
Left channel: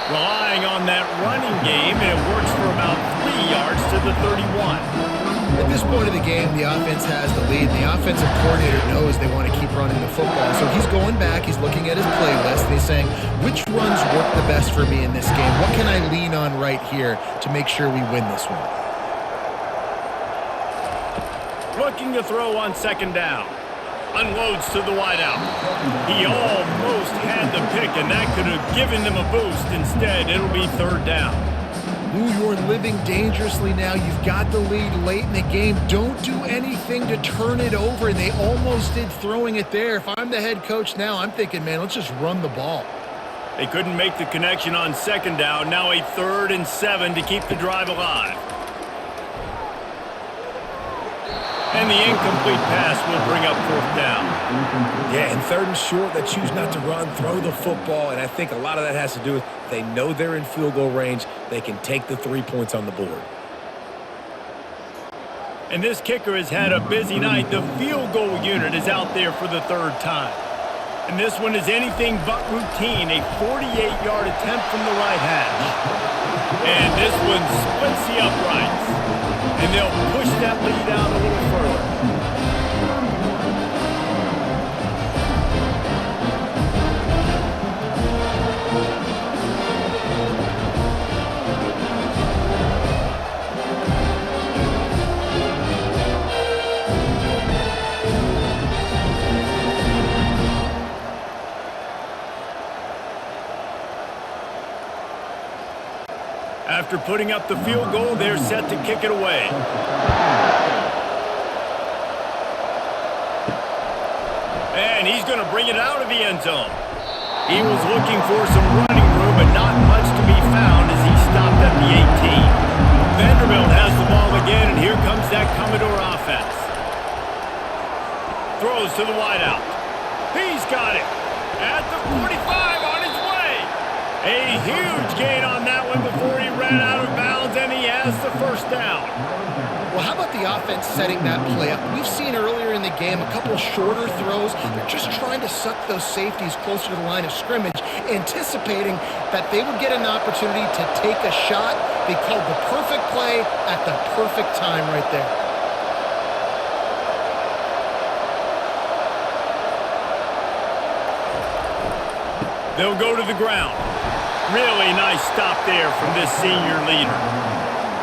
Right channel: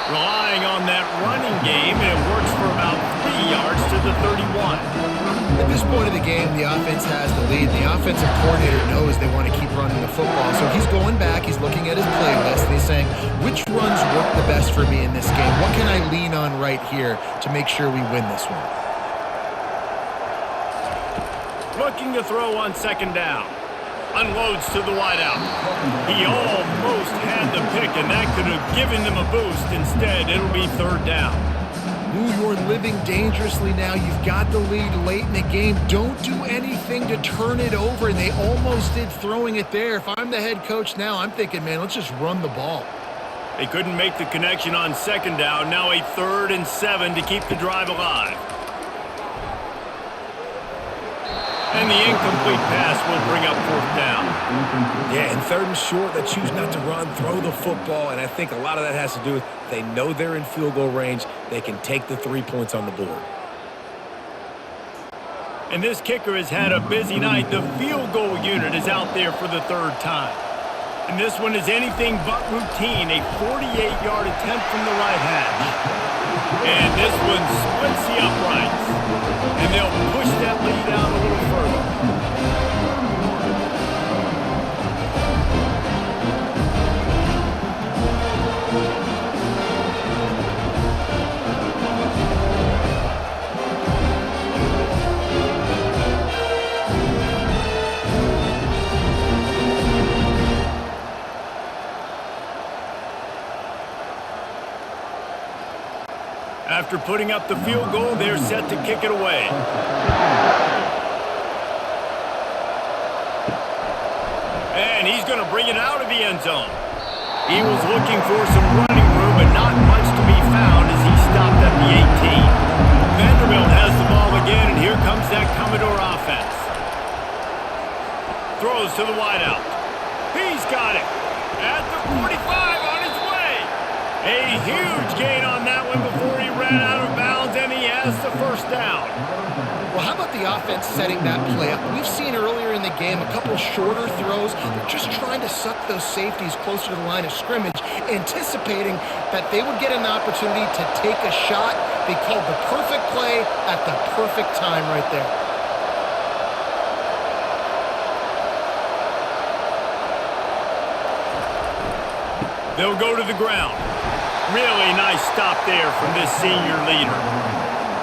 Relying on that running game, and it works for about 3 yards to the 31. At this point of the game, the offense has the lead, and the offensive coordinator knows they want to keep running the football. So he's going back, he's looking at his playlist, and he's saying, which runs work the best for me in this game? What can I lean on right here to make sure we win this one? Looking to throw on second down. Unloads to the wideout. He almost had the pick, and that could have given them a boost. Instead, it'll be third down. Ooh, you're living dangerously now. You've got the lead late in the game. Don't do anything to turn it over, and they almost did throwing it there. If I'm the head coach now, I'm thinking, man, let's just run the ball. They couldn't make the connection on second down. Now a 3rd and 7 to keep the drive alive. And the incomplete pass will bring up 4th down. Yeah, and 3rd and short, they choose not to run, throw the football, and I think a lot of that has to do with they know they're in field goal range. They can take the 3 points on the board. And this kicker has had a busy night. The field goal unit is out there for the 3rd time. And this one is anything but routine, a 48-yard attempt from the right hash. And this one splits the uprights. And they'll push that lead out a little further. After putting up the field goal, they're set to kick it away. And he's going to bring it out of the end zone. He was looking for some running room, but not much to be found as he stopped at the 18. Vanderbilt has the ball again, and here comes that Commodore offense. Throws to the wideout. He's got it at the 45 on his way. A huge gain on that one before he ran out of bounds, and he has the 1st down. Well, how about the offense setting that play up? We've seen earlier in the game a couple shorter throws. They're just trying to suck those safeties closer to the line of scrimmage, anticipating that they would get an opportunity to take a shot. They called the perfect play at the perfect time right there. They'll go to the ground. Really nice stop there from this senior leader.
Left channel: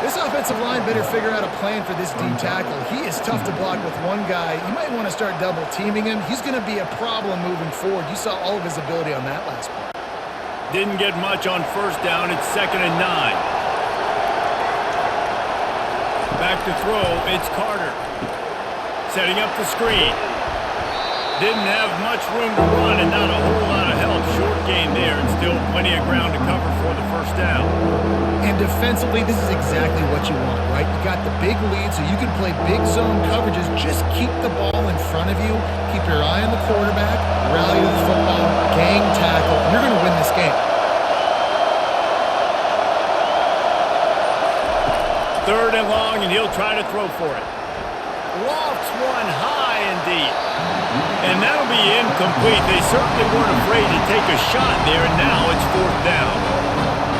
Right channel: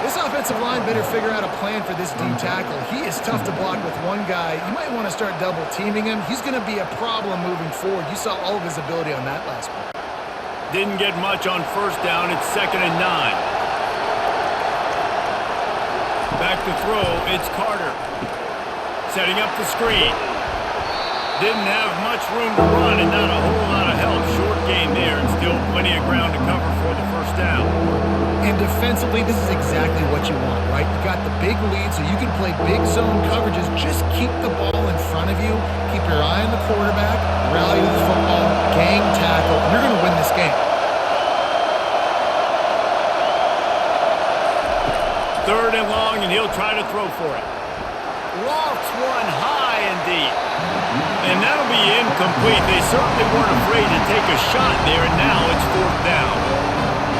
This offensive line better figure out a plan for this D tackle. He is tough to block with one guy. You might want to start double teaming him. He's going to be a problem moving forward. You saw all of his ability on that last play. Didn't get much on 1st down. It's 2nd and 9. Back to throw. It's Carter. Setting up the screen. Didn't have much room to run and not a whole lot of help. Short gain there and still plenty of ground to cover for the 1st down. And defensively, this is exactly what you want, right? You got the big lead, so you can play big zone coverages. Just keep the ball in front of you. Keep your eye on the quarterback. Rally to the football. Gang tackle. You're going to win this game. 3rd and long, and he'll try to throw for it. Lofts one high and deep. And that'll be incomplete. They certainly weren't afraid to take a shot there, and now it's 4th down.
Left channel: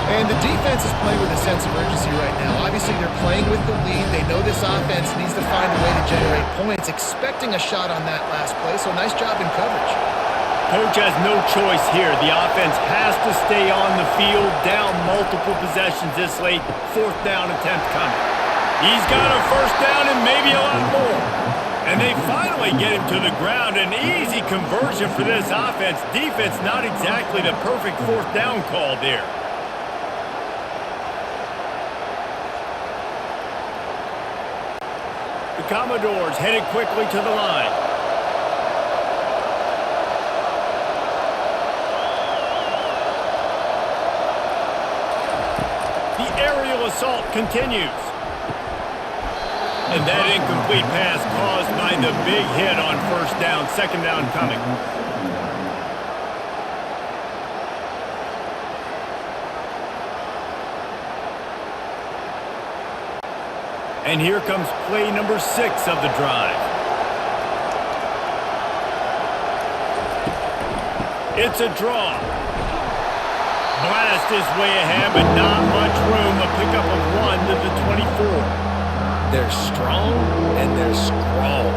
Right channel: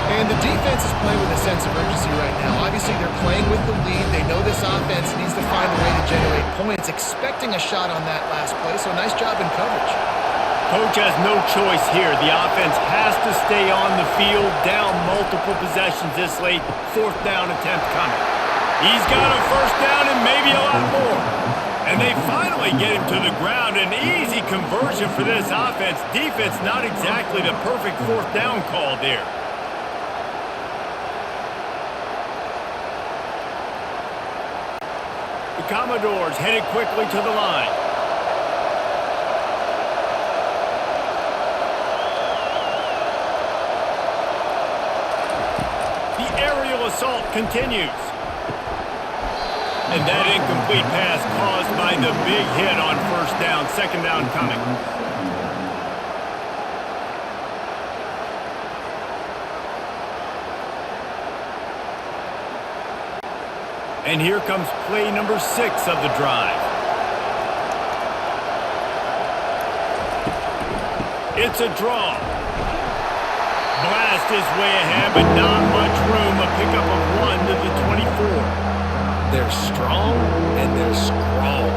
And the defense is playing with a sense of urgency right now. Obviously, they're playing with the lead. They know this offense needs to find a way to generate points, expecting a shot on that last play, so nice job in coverage. Coach has no choice here. The offense has to stay on the field, down multiple possessions this late. 4th down attempt coming. He's got a 1st down and maybe a lot more. And they finally get him to the ground. An easy conversion for this offense. Defense not exactly the perfect 4th down call there. The Commodores headed quickly to the line. The aerial assault continues. And that incomplete pass caused by the big hit on first down. Second down coming. And here comes play number 6 of the drive. It's a draw. Blast is way ahead, but not much room. A pickup of 1 to the 24. They're strong and they're strong.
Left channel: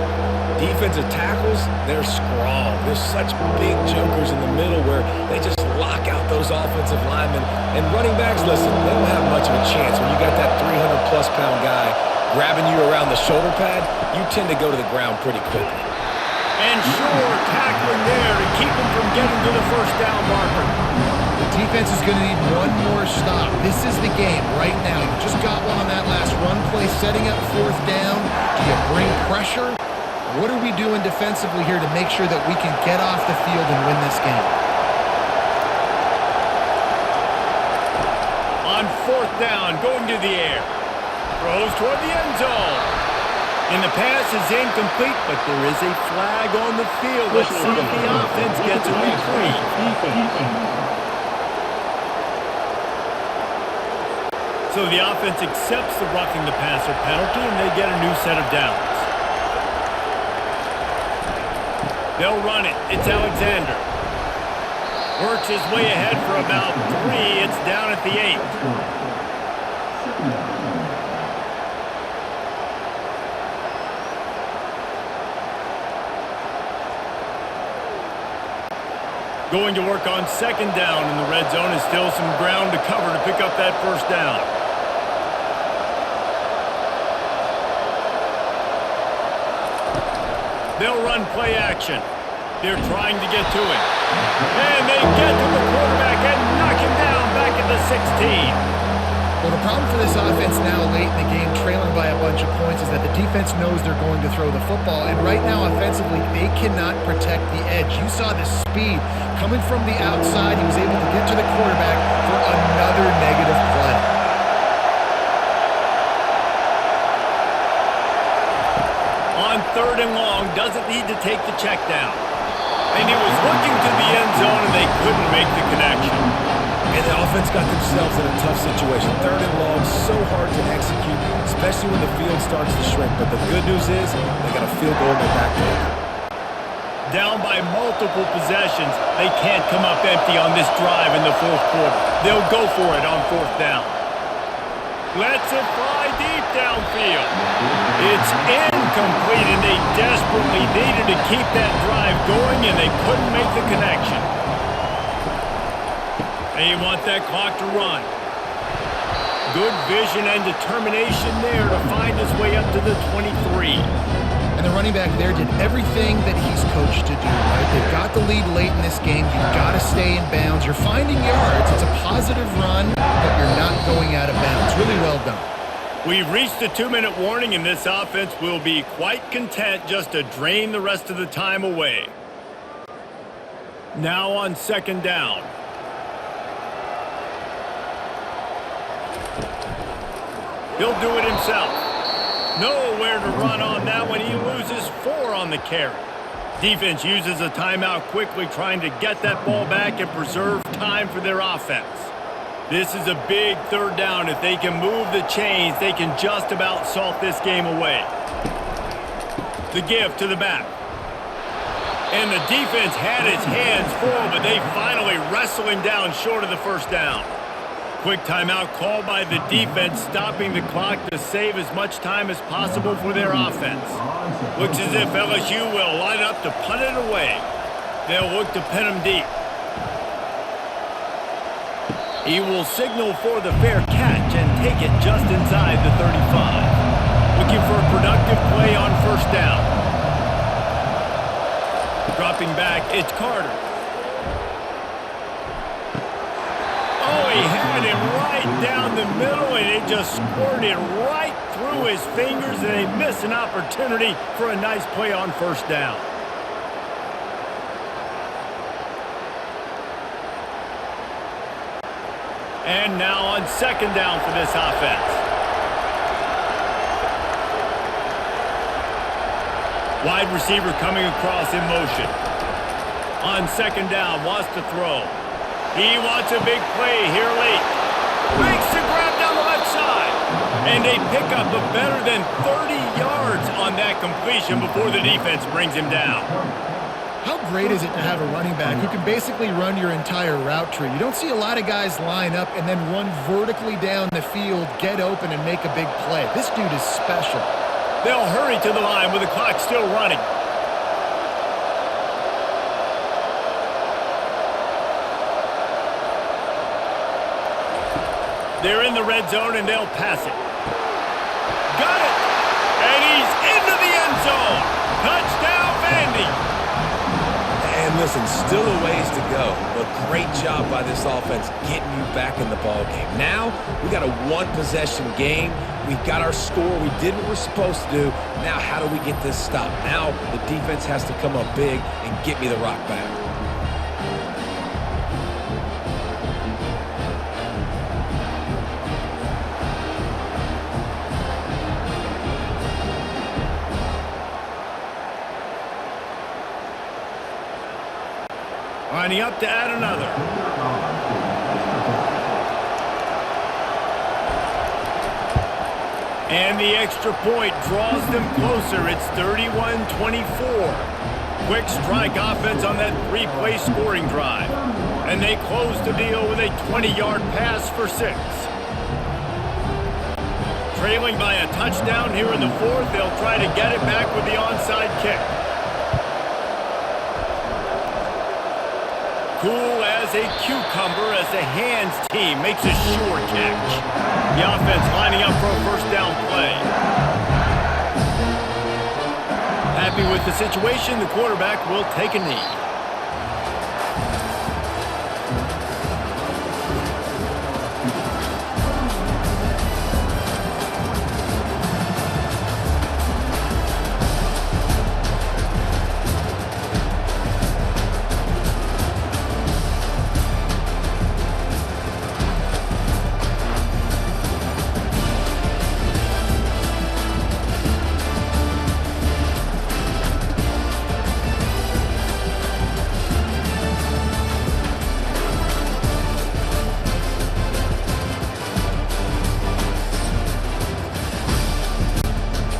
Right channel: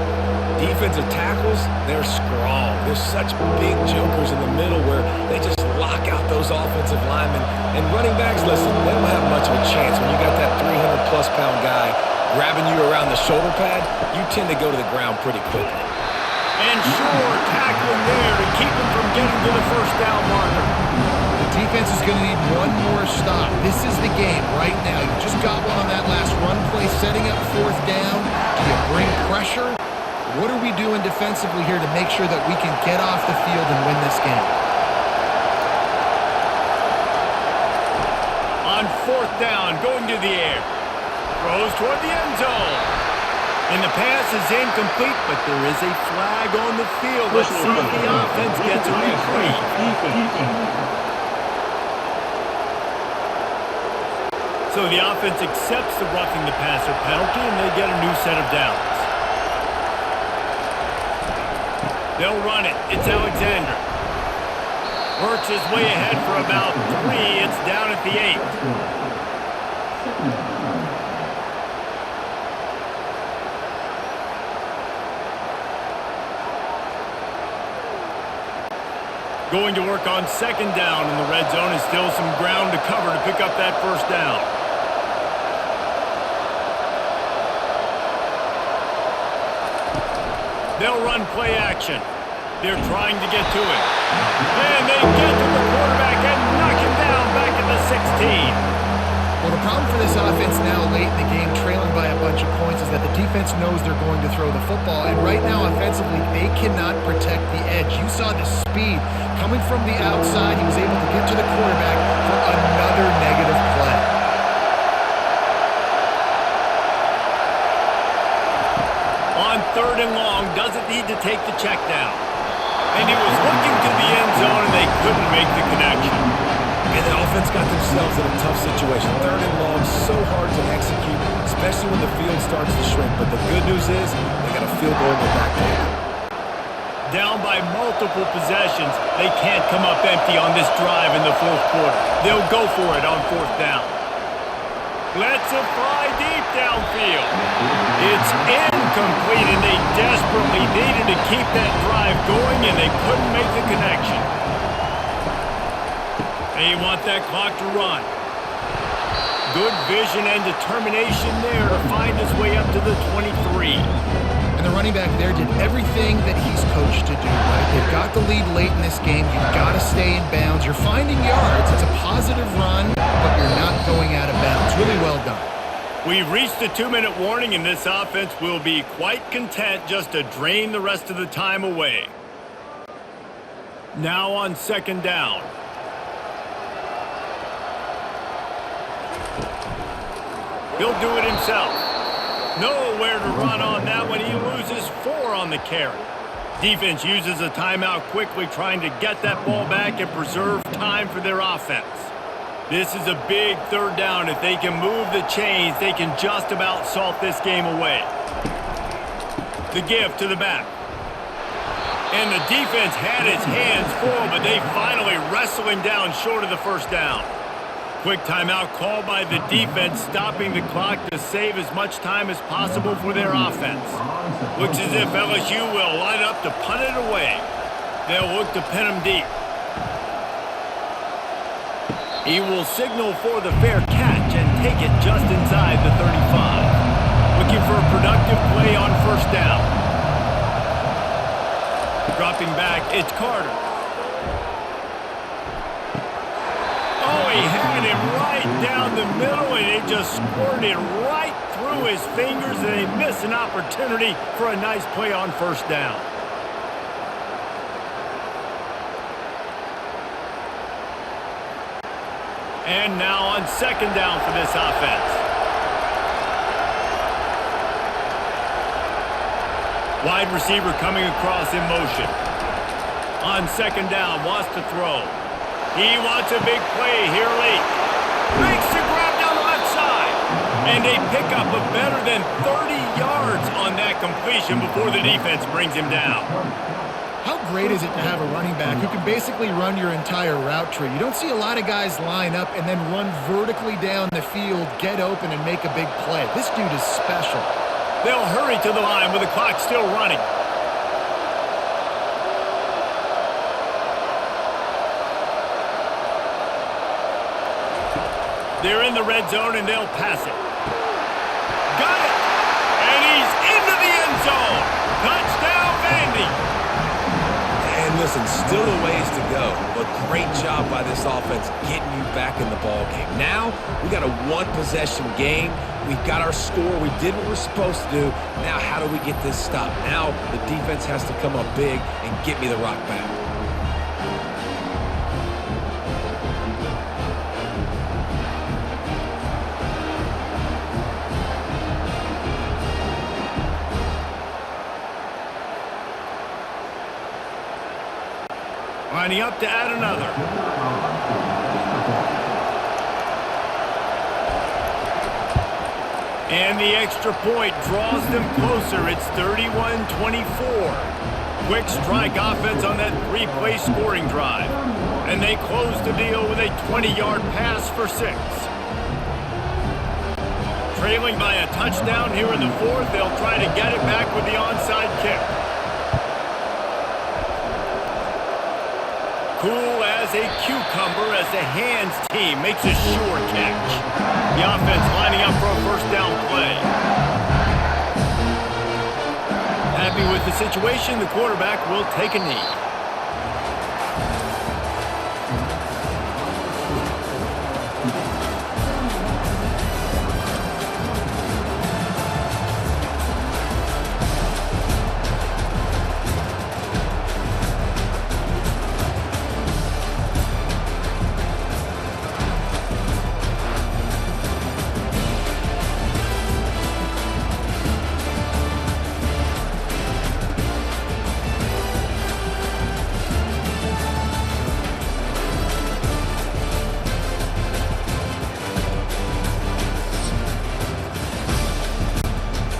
Defensive tackles, they're strong. There's such big jokers in the middle where they just lock out those offensive linemen. And running backs, listen, they don't have much of a chance. When you got that 300-plus pound guy grabbing you around the shoulder pad, you tend to go to the ground pretty quickly. And sure, tackling there to keep him from getting to the first down marker. The defense is going to need one more stop. This is the game right now. You just got one on that last run play, setting up fourth down. Do you bring pressure? What are we doing defensively here to make sure that we can get off the field and win this game? On fourth down, going to the air. Throws toward the end zone. And the pass is incomplete, but there is a flag on the field. Let's see if the offense gets a reprieve. So the offense accepts the roughing the passer penalty, and they get a new set of downs. They'll run it. It's Alexander. Birch is way ahead for about 3. It's down at the 8. Going to work on second down in the red zone. Is still some ground to cover to pick up that first down. They'll run play action. They're trying to get to him. And they get to the quarterback and knock him down back at the 16. Well, the problem for this offense now late in the game, trailing by a bunch of points, is that the defense knows they're going to throw the football. And right now, offensively, they cannot protect the edge. You saw the speed coming from the outside. He was able to get to the quarterback for another negative play. On third and long, doesn't need to take the check down. And he was looking to the end zone, and they couldn't make the connection. And the offense got themselves in a tough situation. Third and long, so hard to execute, especially when the field starts to shrink. But the good news is they got a field goal in their back pocket. Down by multiple possessions, they can't come up empty on this drive in the fourth quarter. They'll go for it on fourth down. Lets it fly deep downfield. It's incomplete, and they desperately needed to keep that drive going, and they couldn't make the connection. They want that clock to run. Good vision and determination there to find his way up to the 23. And the running back there did everything that he's coached to do, right? They've got the lead late in this game. You've got to stay in bounds. You're finding yards. It's a positive run, but you're not going out of bounds. Really well done. We've reached the 2-minute warning, and this offense will be quite content just to drain the rest of the time away. Now on second down. He'll do it himself. Nowhere to run on that one. He loses 4 on the carry. Defense uses a timeout quickly, trying to get that ball back and preserve time for their offense. This is a big third down. If they can move the chains, they can just about salt this game away. The give to the back. And the defense had its hands full, but they finally wrestle him down short of the first down. Quick timeout called by the defense, stopping the clock to save as much time as possible for their offense. Looks as if LSU will line up to punt it away. They'll look to pin him deep. He will signal for the fair catch and take it just inside the 35. Looking for a productive play on first down. Dropping back, it's Carter. Oh, he had him right down the middle, and it just squirted right through his fingers, and they miss an opportunity for a nice play on first down. And now on second down for this offense. Wide receiver coming across in motion. On second down, wants to throw. He wants a big play here late. Makes the grab down the left side. And a pickup of better than 30 yards on that completion before the defense brings him down. How great is it to have a running back who can basically run your entire route tree? You don't see a lot of guys line up and then run vertically down the field, get open, and make a big play. This dude is special. They'll hurry to the line with the clock still running. They're in the red zone, and they'll pass it. Got it! And he's into the end zone. Touchdown, Vandy! And listen, still a ways to go, but great job by this offense getting you back in the ball game. Now, we got a one-possession game. We've got our score. We did what we're supposed to do. Now, how do we get this stopped? Now, the defense has to come up big and get me the rock back. Lining up to add another. And the extra point draws them closer. It's 31-24. Quick strike offense on that three-play scoring drive. And they close the deal with a 20-yard pass for 6. Trailing by a touchdown here in the fourth, they'll try to get it back with the onside kick. Cool as a cucumber as the hands team makes a sure catch. The offense lining up for a first down play. Happy with the situation, the quarterback will take a knee.